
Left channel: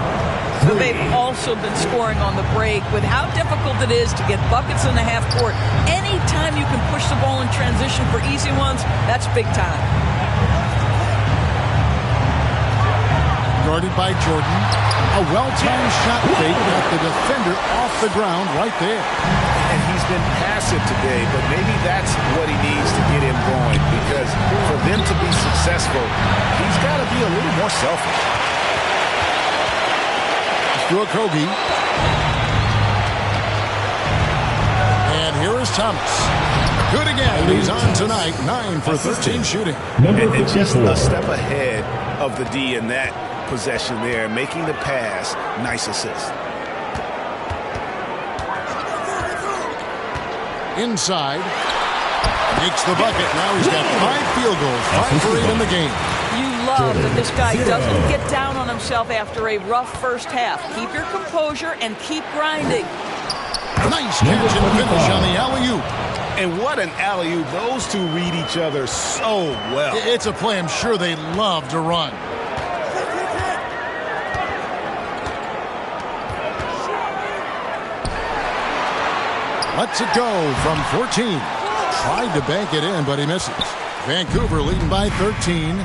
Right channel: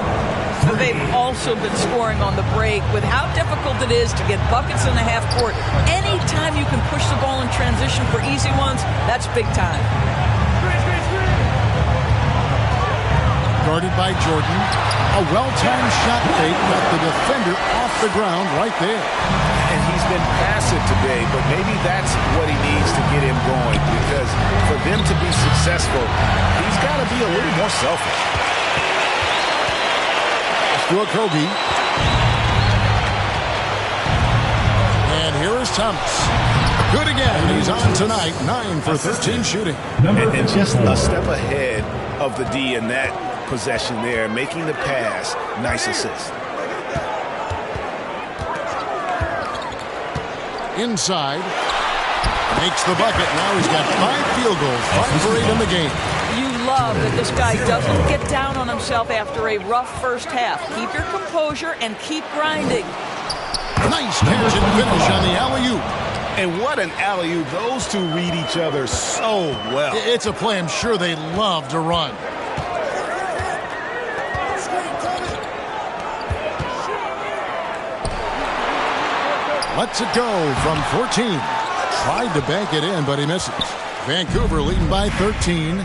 But they've also been scoring on the break with how difficult it is to get buckets in the half court. Anytime you can push the ball in transition for easy ones, that's big time. Guarded by Jordan. A well-timed shot fake got the defender off the ground right there. And he's been passive today, but maybe that's what he needs to get him going, because for them to be successful, he's got to be a little more selfish. To Okogie. And here is Thomas. Good again. He's on tonight. 9 for 13 shooting. And just a step ahead of the D in that possession there, making the pass. Nice assist. Inside. Makes the bucket. Now he's got 5 field goals, 5 for 8 in the game. You love that this guy doesn't get down on himself after a rough first half. Keep your composure and keep grinding. Nice catch and finish on the alley-oop. And what an alley-oop. Those two read each other so well. It's a play I'm sure they love to run. Lets it go from 14. Tried to bank it in, but he misses. Vancouver leading by 13.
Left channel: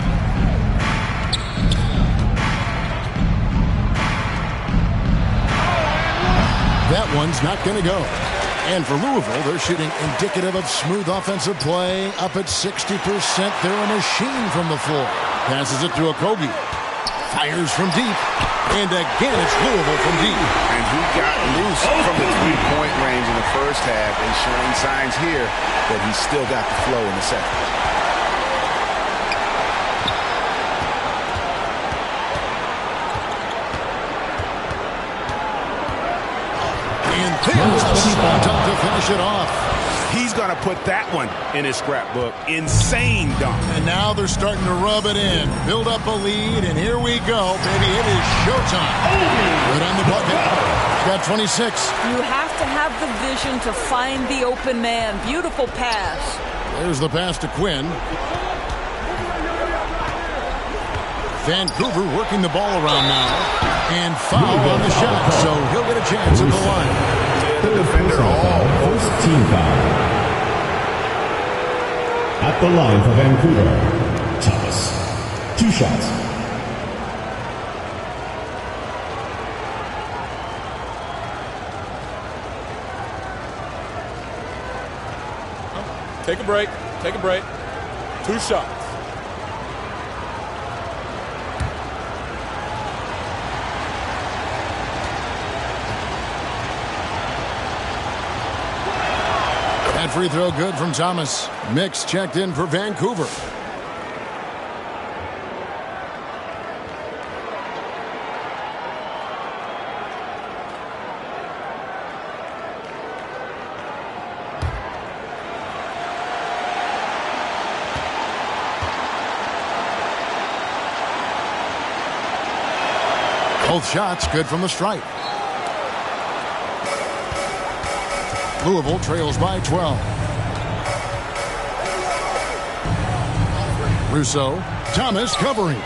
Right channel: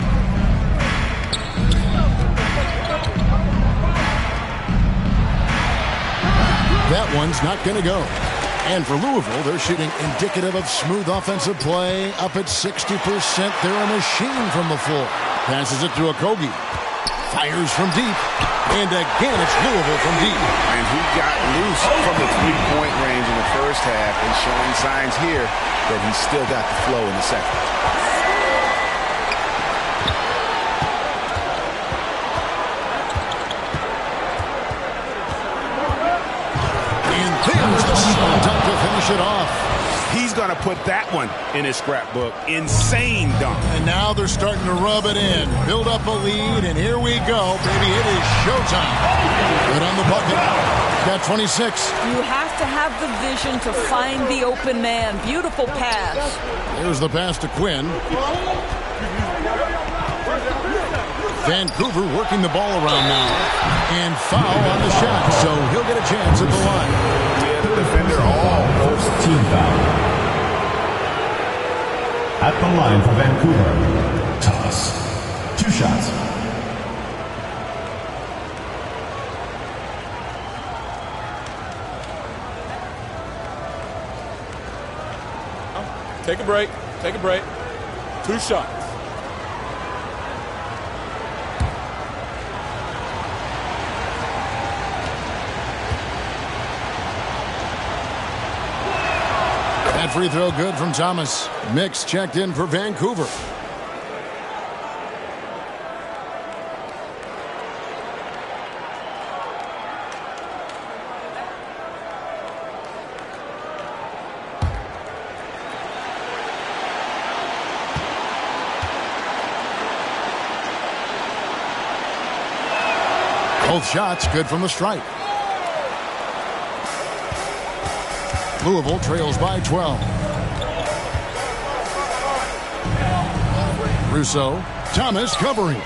That one's not going to go. And for Louisville, they're shooting indicative of smooth offensive play. Up at 60%. They're a machine from the floor. Passes it to Okogie. Fires from deep. And again, it's Louisville from deep. And he got loose from the three-point range in the first half and showing signs here that he's still got the flow in the second. And there's the slam dunk to finish it off. He's going to put that one in his scrapbook. Insane dunk. And now they're starting to rub it in. Build up a lead, and here we go, baby. It is showtime. Good on the bucket. He's got 26. You have to have the vision to find the open man. Beautiful pass. There's the pass to Quinn. Vancouver working the ball around now. And foul on the shot, so he'll get a chance at the line. Yeah, the defender all first team foul. At the line for Vancouver, Thomas. 2 shots. Take a break. Take a break. 2 shots. That free throw good from Thomas. Mix checked in for Vancouver. Both shots good from the stripe. Louisville trails by 12. Rousseau. Thomas covering.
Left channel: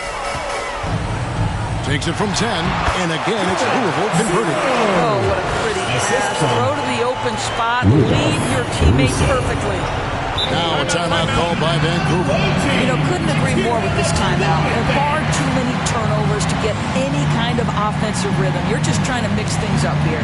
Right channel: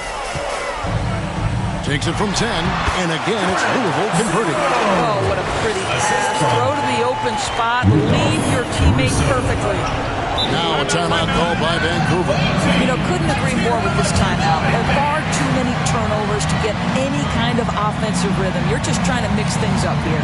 Takes it from 10. And again, it's Louisville converting. Oh, what a pretty pass. Throw to the open spot. Leave your teammate perfectly. Now a timeout called by Vancouver. You know, couldn't agree more with this timeout. There are far too many turnovers to get any kind of offensive rhythm. You're just trying to mix things up here.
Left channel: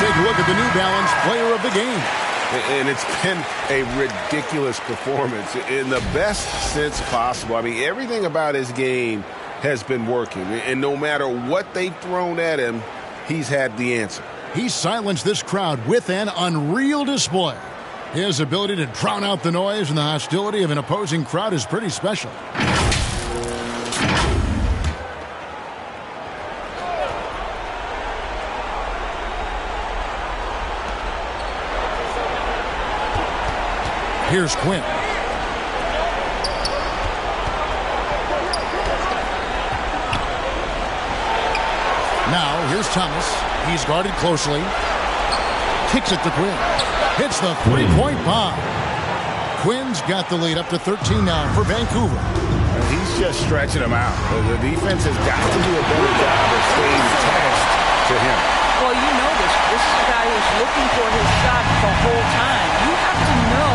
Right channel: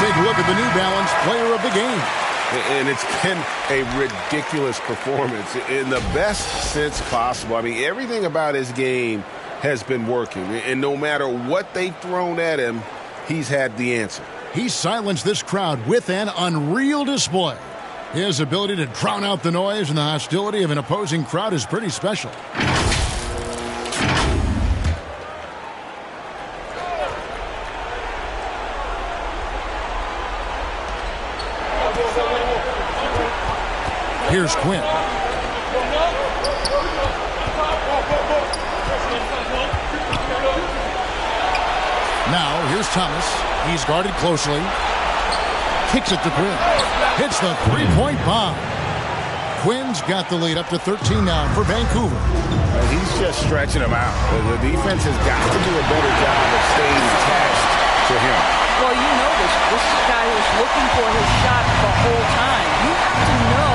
Take a look at the New Balance player of the game. And it's been a ridiculous performance in the best sense possible. I mean, everything about his game has been working. And no matter what they've thrown at him, he's had the answer. He silenced this crowd with an unreal display. His ability to drown out the noise and the hostility of an opposing crowd is pretty special. Here's Quinn. Now, here's Thomas. He's guarded closely. Kicks it to Quinn. Hits the three-point bomb. Quinn's got the lead up to 13 now for Vancouver. He's just stretching them out. The defense has got to do a better job of staying attached to him. Well, you know this. This is a guy who's looking for his shot the whole time. You have to know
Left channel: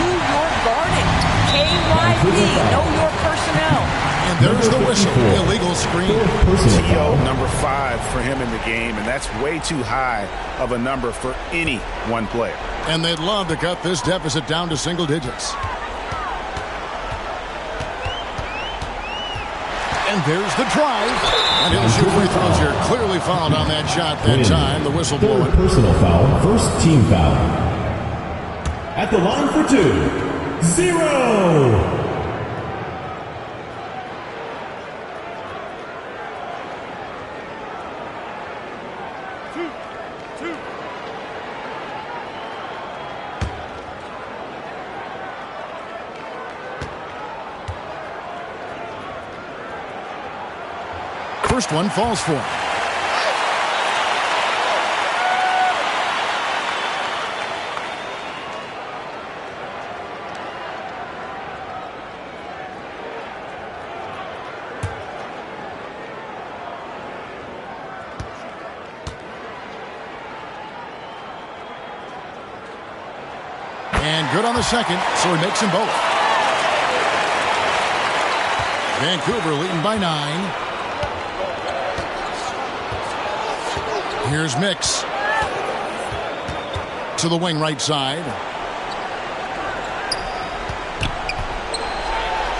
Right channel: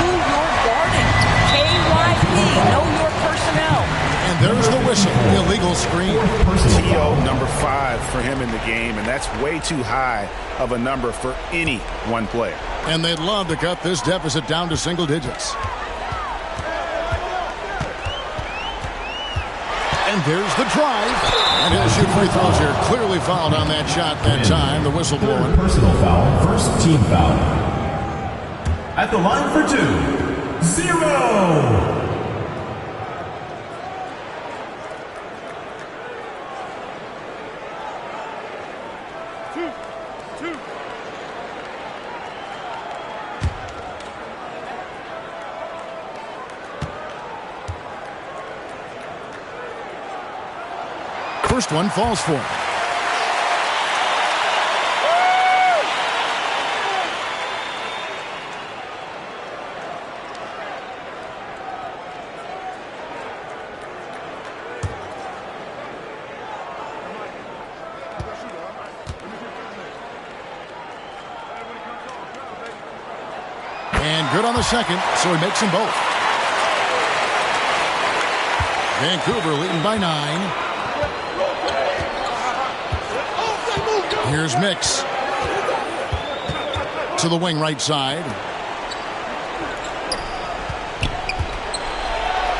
who you're guarding. KYP, know your personnel. And there's the whistle. Illegal screen. TO number 5 for him in the game, and that's way too high of a number for any one player. And they'd love to cut this deficit down to single digits. And there's the drive. And he'll shoot free throws here. Clearly fouled on that shot that time. The whistle blowing. Personal foul. First team foul. At the line for 2. 0. First one falls for him. And good on the second, so he makes them both. Vancouver leading by 9. Here's Mix to the wing right side.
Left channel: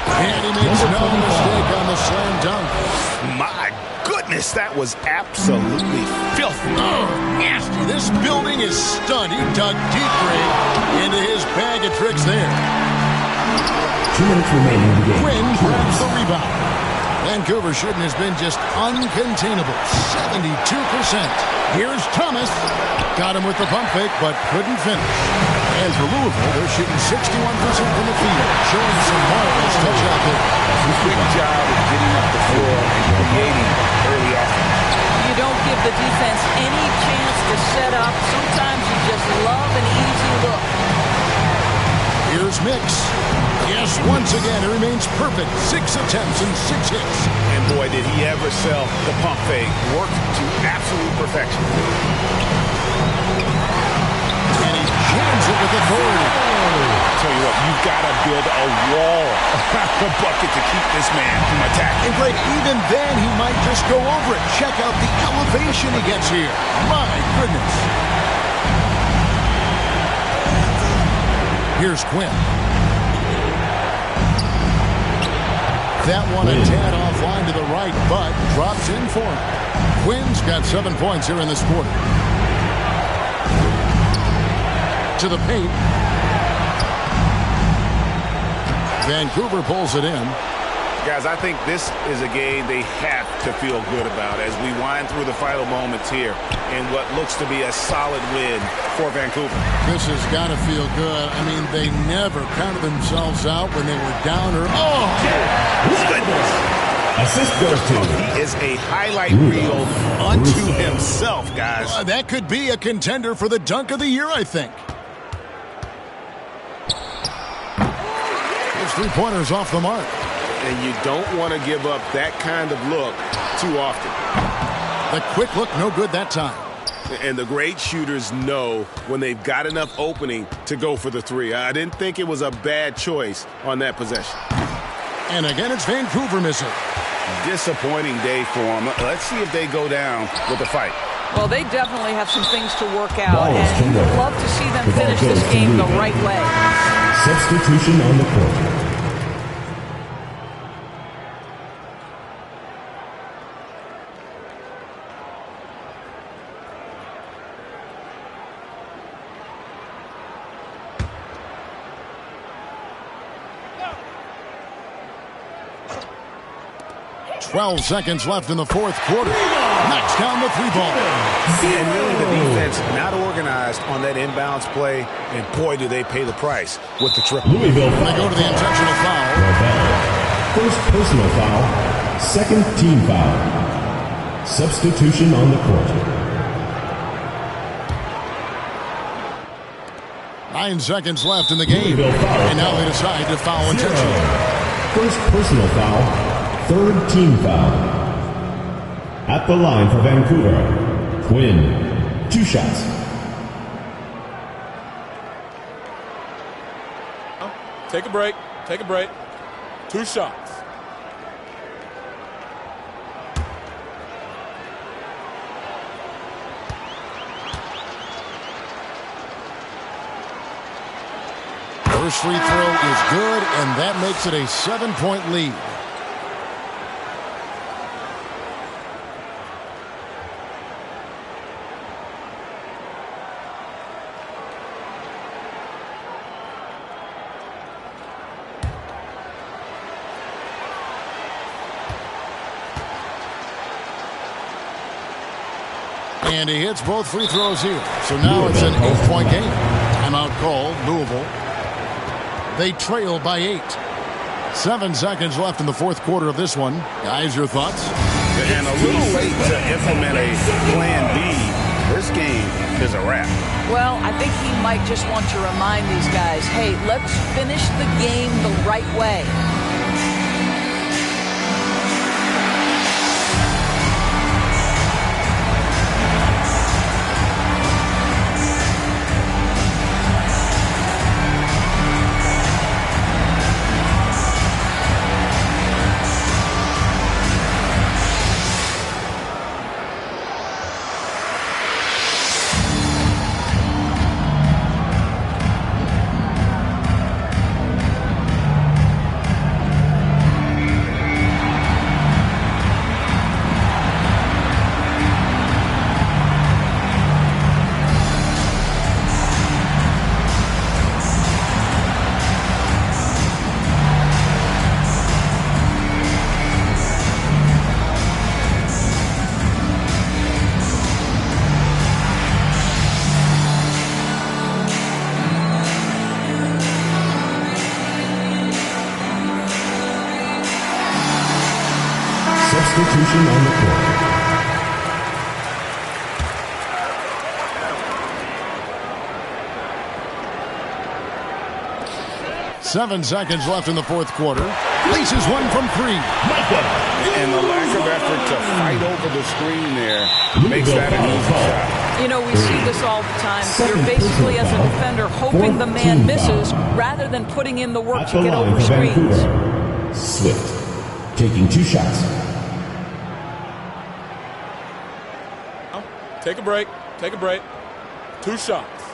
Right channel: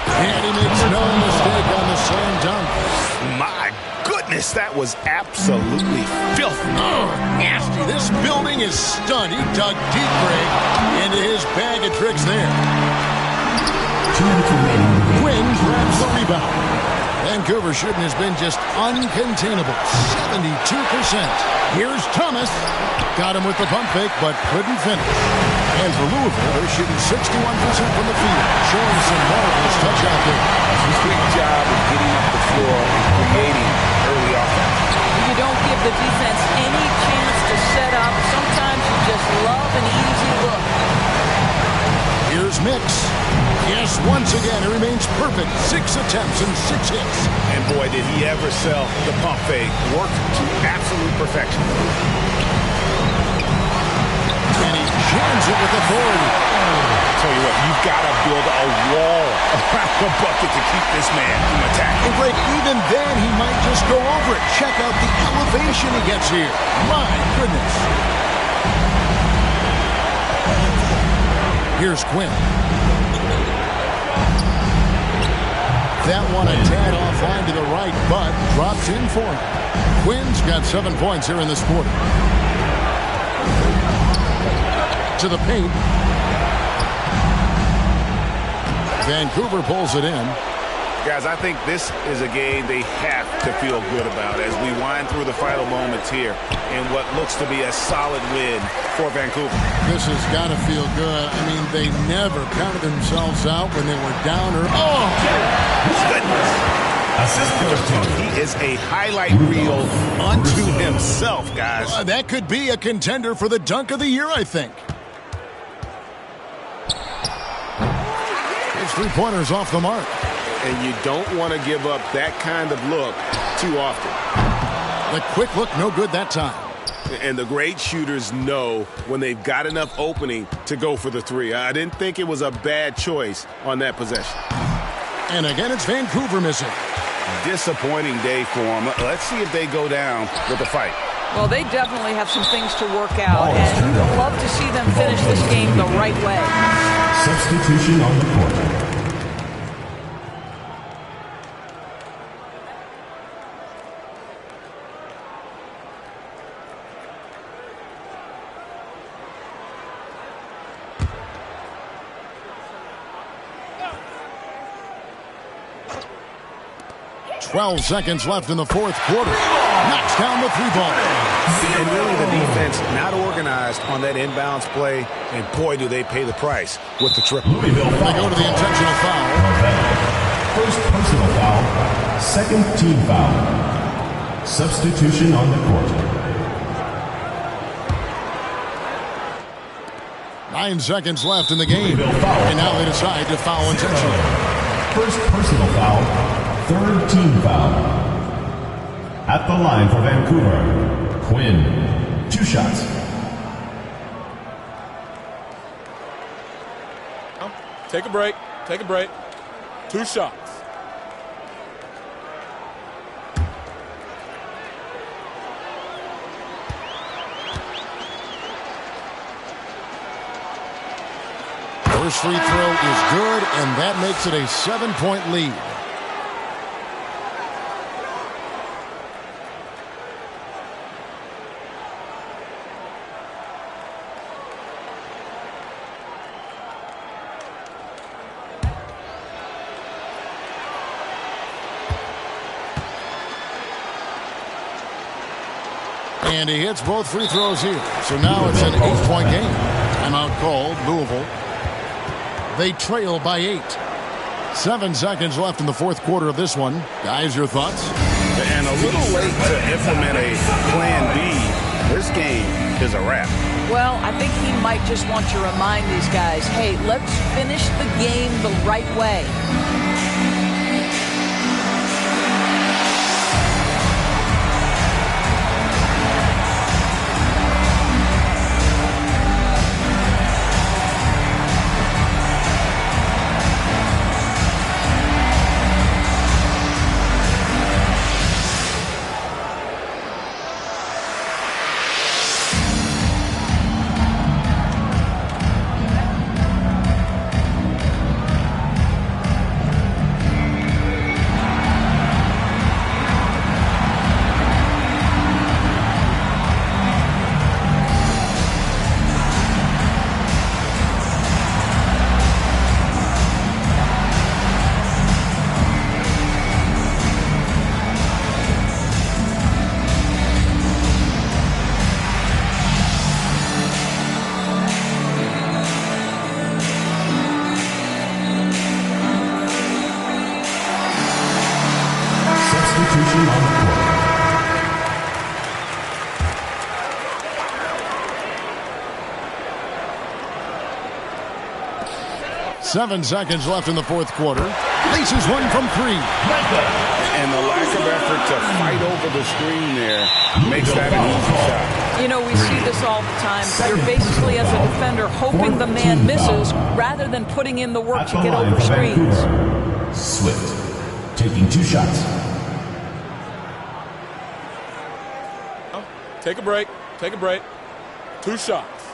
And he makes no mistake on the slam dunk. My goodness, that was absolutely filthy. Oh, nasty. This building is stunned. He dug deep, Greg, into his bag of tricks there. 2 minutes remaining in the game. Quinn grabs the rebound. Vancouver shooting has been just uncontainable. 72%. Here's Thomas. Got him with the pump fake, but couldn't finish. And for Louisville, they're shooting 61% from the field, showing some marvelous touch out there. Big job of getting up the floor and creating early offense. You don't give the defense any chance to set up. Sometimes you just love an easy look. Here's Mix. Yes, once again, it remains perfect. 6 attempts and 6 hits. And boy, did he ever sell the pump fake. Worked to absolute perfection. And he jams it with authority. Tell you what, you've got to build a wall around the bucket to keep this man from attacking. And Greg, even then, he might just go over it. Check out the elevation he gets here. My goodness. Here's Quinn. That one a tad offline to the right, but drops in for him. Quinn's got 7 points here in this quarter. To the paint. Vancouver pulls it in. Guys, I think this is a game they have to feel good about as we wind through the final moments here in what looks to be a solid win for Vancouver. This has got to feel good. I mean, they never counted themselves out when they were down or... Oh! Goodness! Assist goes to... He is a highlight reel unto himself, guys. That could be a contender for the dunk of the year, I think. His three-pointers off the mark. And you don't want to give up that kind of look too often. The quick look, no good that time. And the great shooters know when they've got enough opening to go for the three. I didn't think it was a bad choice on that possession. And again, it's Vancouver missing. Disappointing day for them. Let's see if they go down with a fight. Well, they definitely have some things to work out, and you'd love to see them finish this game the right way. Substitution on the court. .12 seconds left in the fourth quarter. Knocks down the three ball. And really the defense not organized on that inbounds play, and boy, do they pay the price with the triple. Louisville They go to the intentional foul. First personal foul, second team foul. Substitution on the court. 9 seconds left in the game. And now they decide to foul intentionally. First personal foul, third team foul. At the line for Vancouver, Quinn. 2 shots. Take a break. Take a break. 2 shots. First free throw is good, and that makes it a 7-point lead. And he hits both free throws here. So now it's an 8-point game. Timeout called, Louisville. They trail by 8. 7 seconds left in the fourth quarter of this one. Guys, your thoughts? And a little late to implement a plan B. This game is a wrap. Well, I think he might just want to remind these guys, hey, let's finish the game the right way. Substitution on the court. Seven seconds left in the fourth quarter. Laces one from 3. And the lack of effort to fight over the screen there makes that an easy shot. You know, we see this all the time. You're basically, as a defender, hoping the man misses rather than putting in the work to get over screens. Swift taking 2 shots. Take a break. Take a break. 2 shots.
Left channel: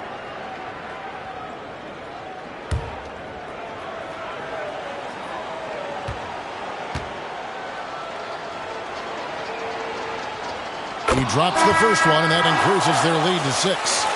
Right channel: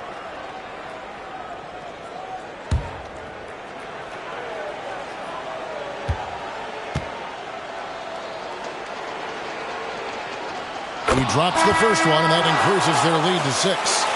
He drops the first one, and that increases their lead to 6.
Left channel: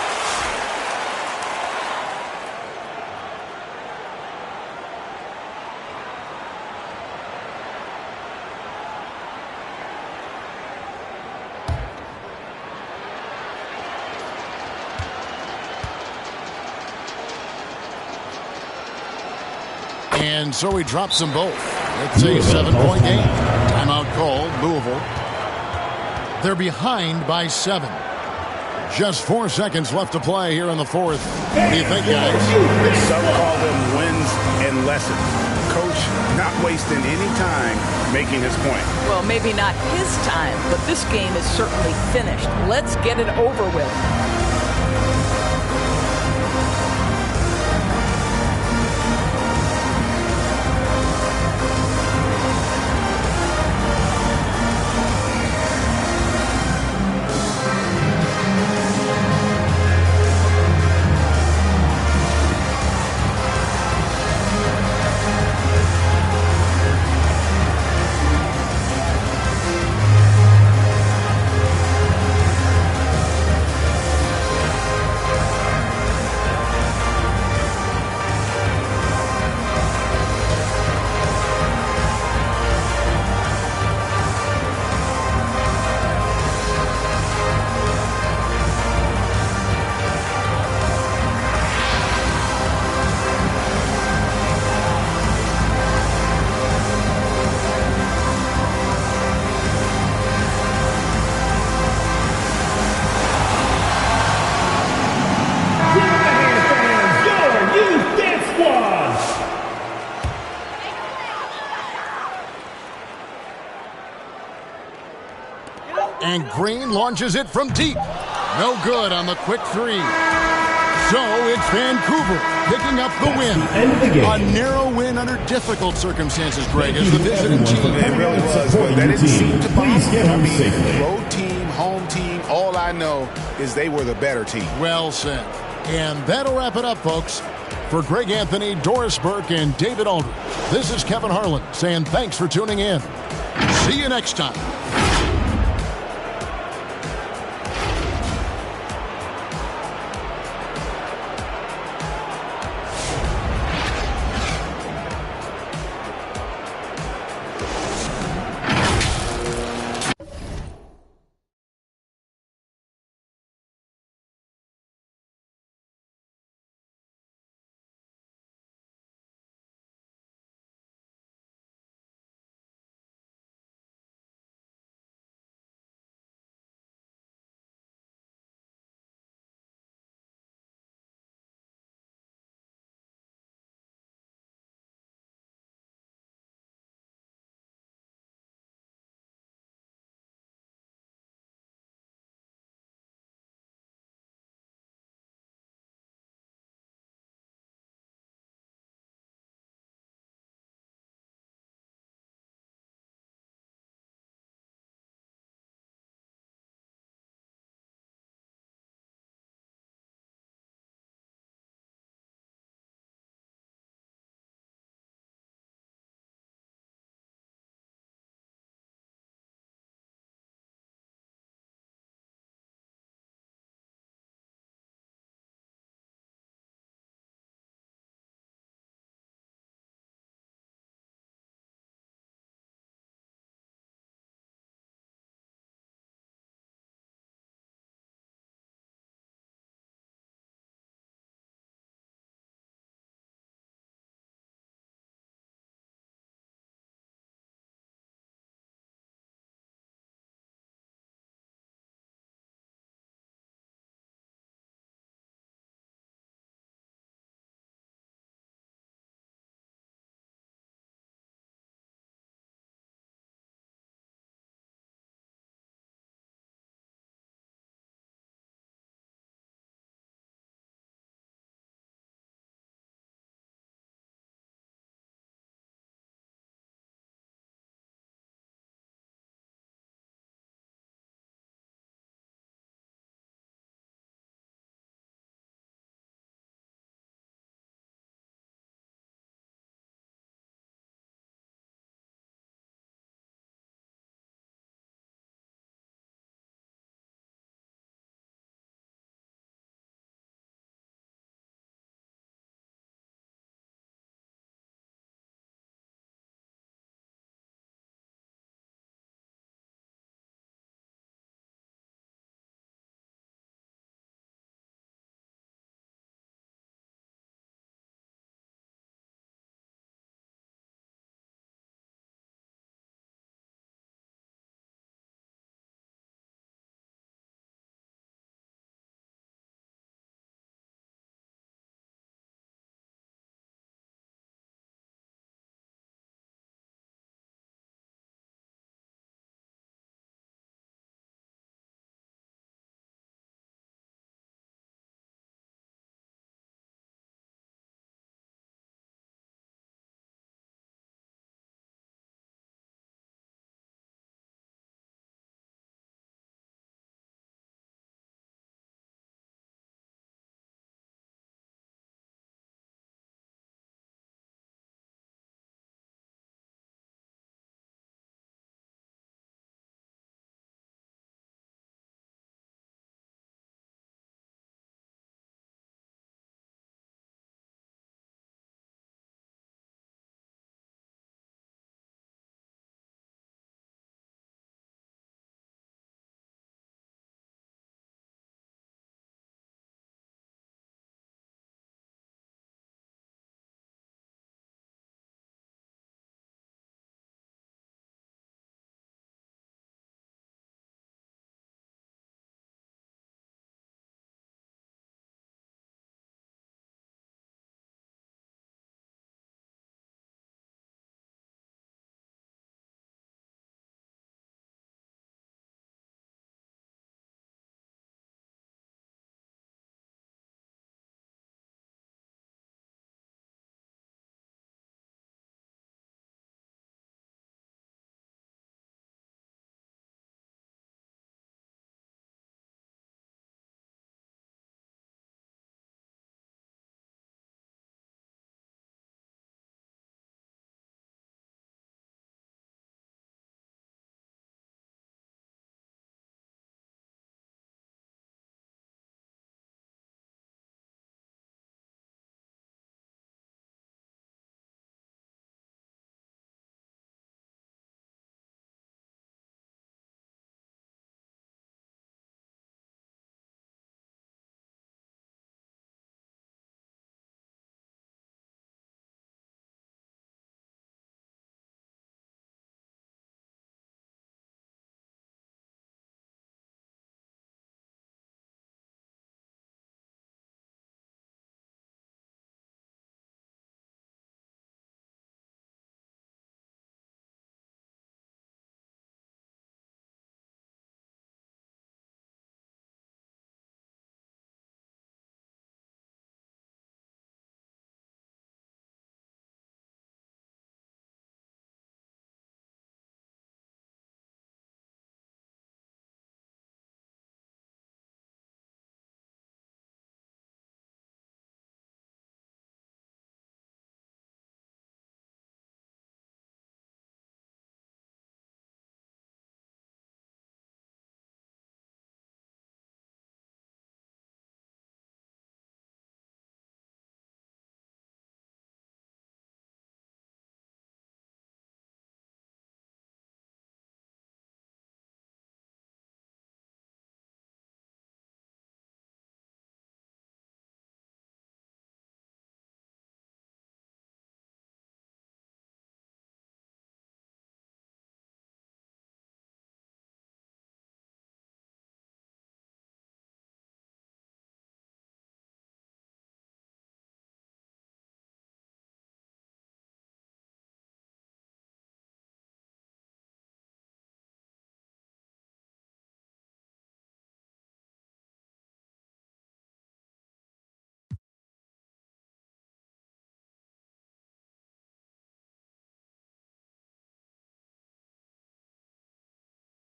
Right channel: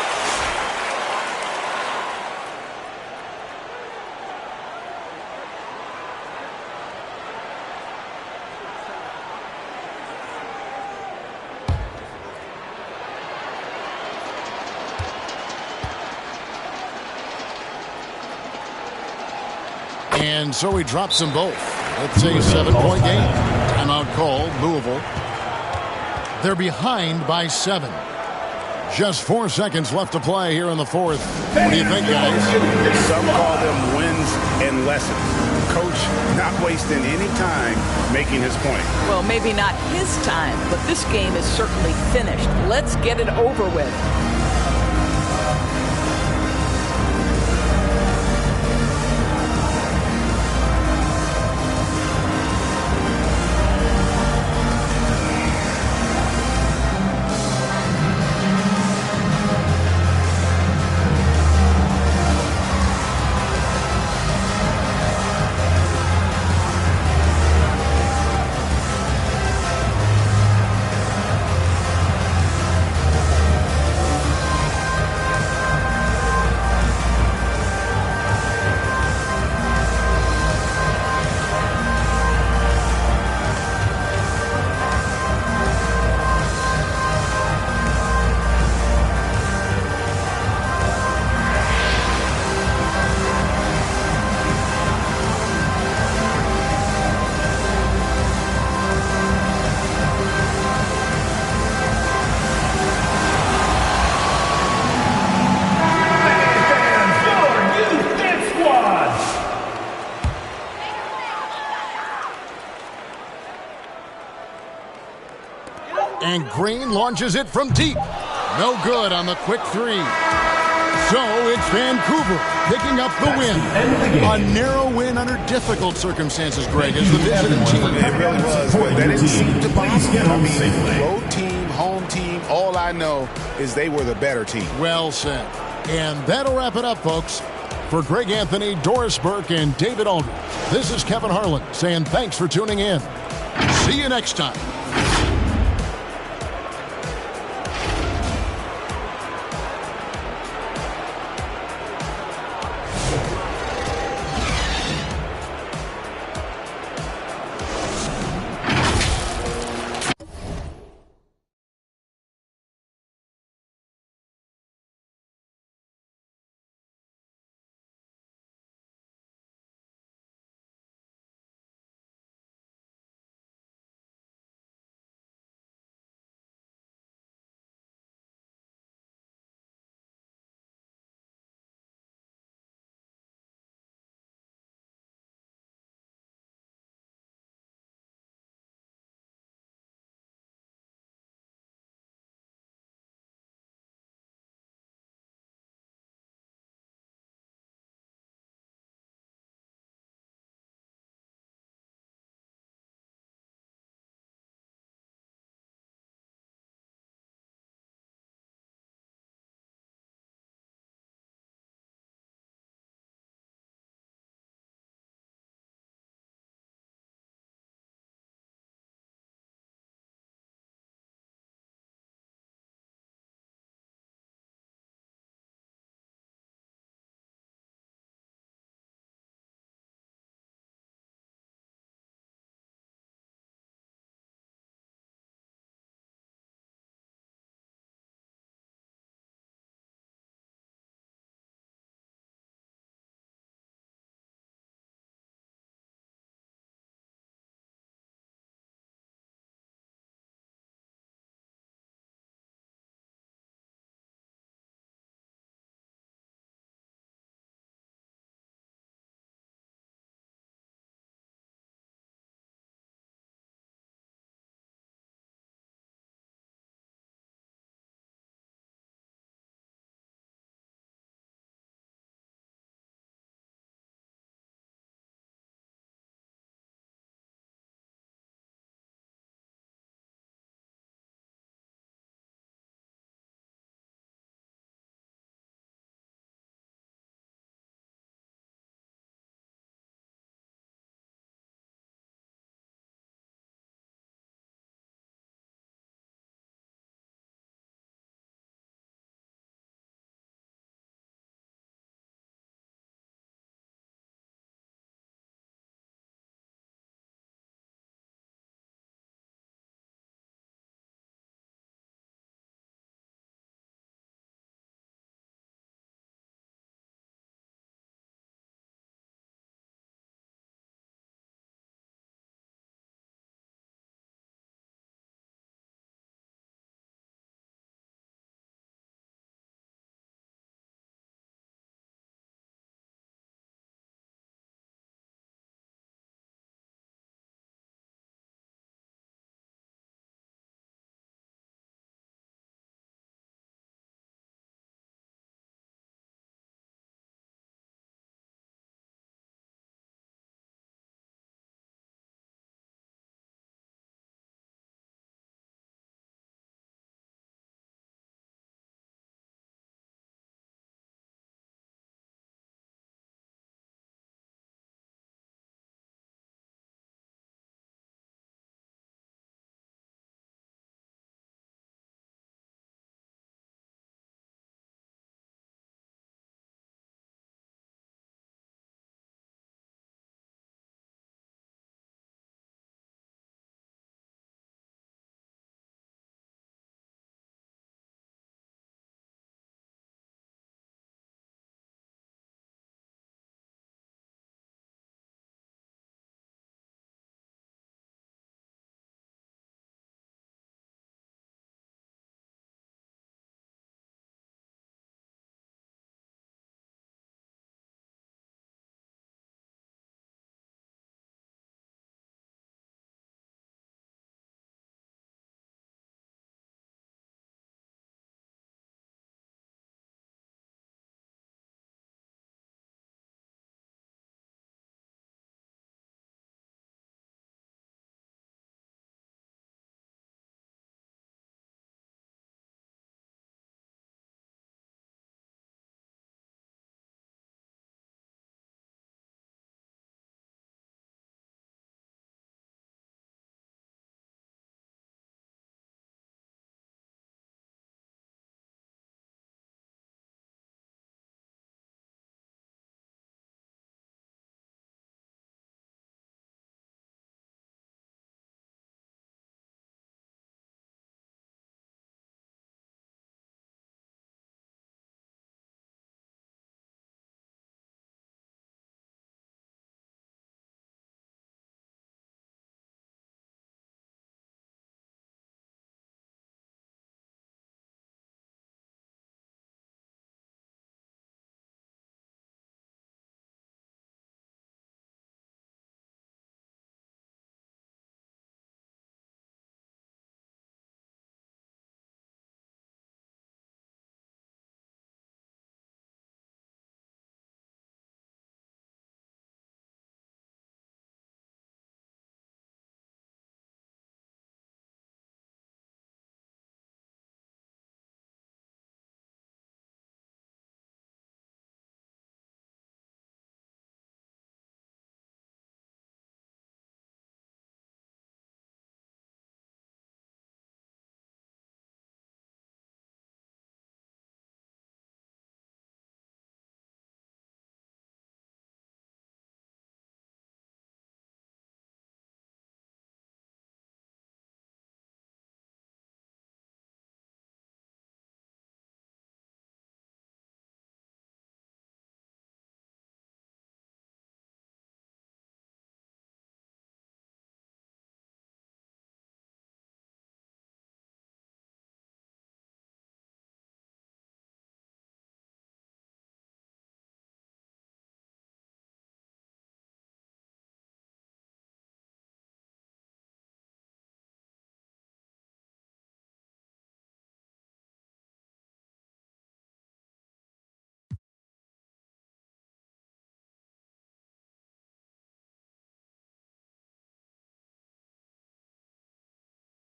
And so he drops them both. It's a 7-point game. Timeout called, Louisville. They're behind by 7. Just 4 seconds left to play here in the fourth. What do you think, guys? Some call them wins and lessons. Coach not wasting any time making his point. Well, maybe not his time, but this game is certainly finished. Let's get it over with. And Green launches it from deep. No good on the quick three. So it's Vancouver picking up the win. A narrow win under difficult circumstances, Greg, as the visiting team. It really was, but that didn't seem to bother them. I mean, road team, home team, all I know is they were the better team. Well said. And that'll wrap it up, folks. For Greg Anthony, Doris Burke, and David Aldridge, this is Kevin Harlan saying thanks for tuning in. See you next time.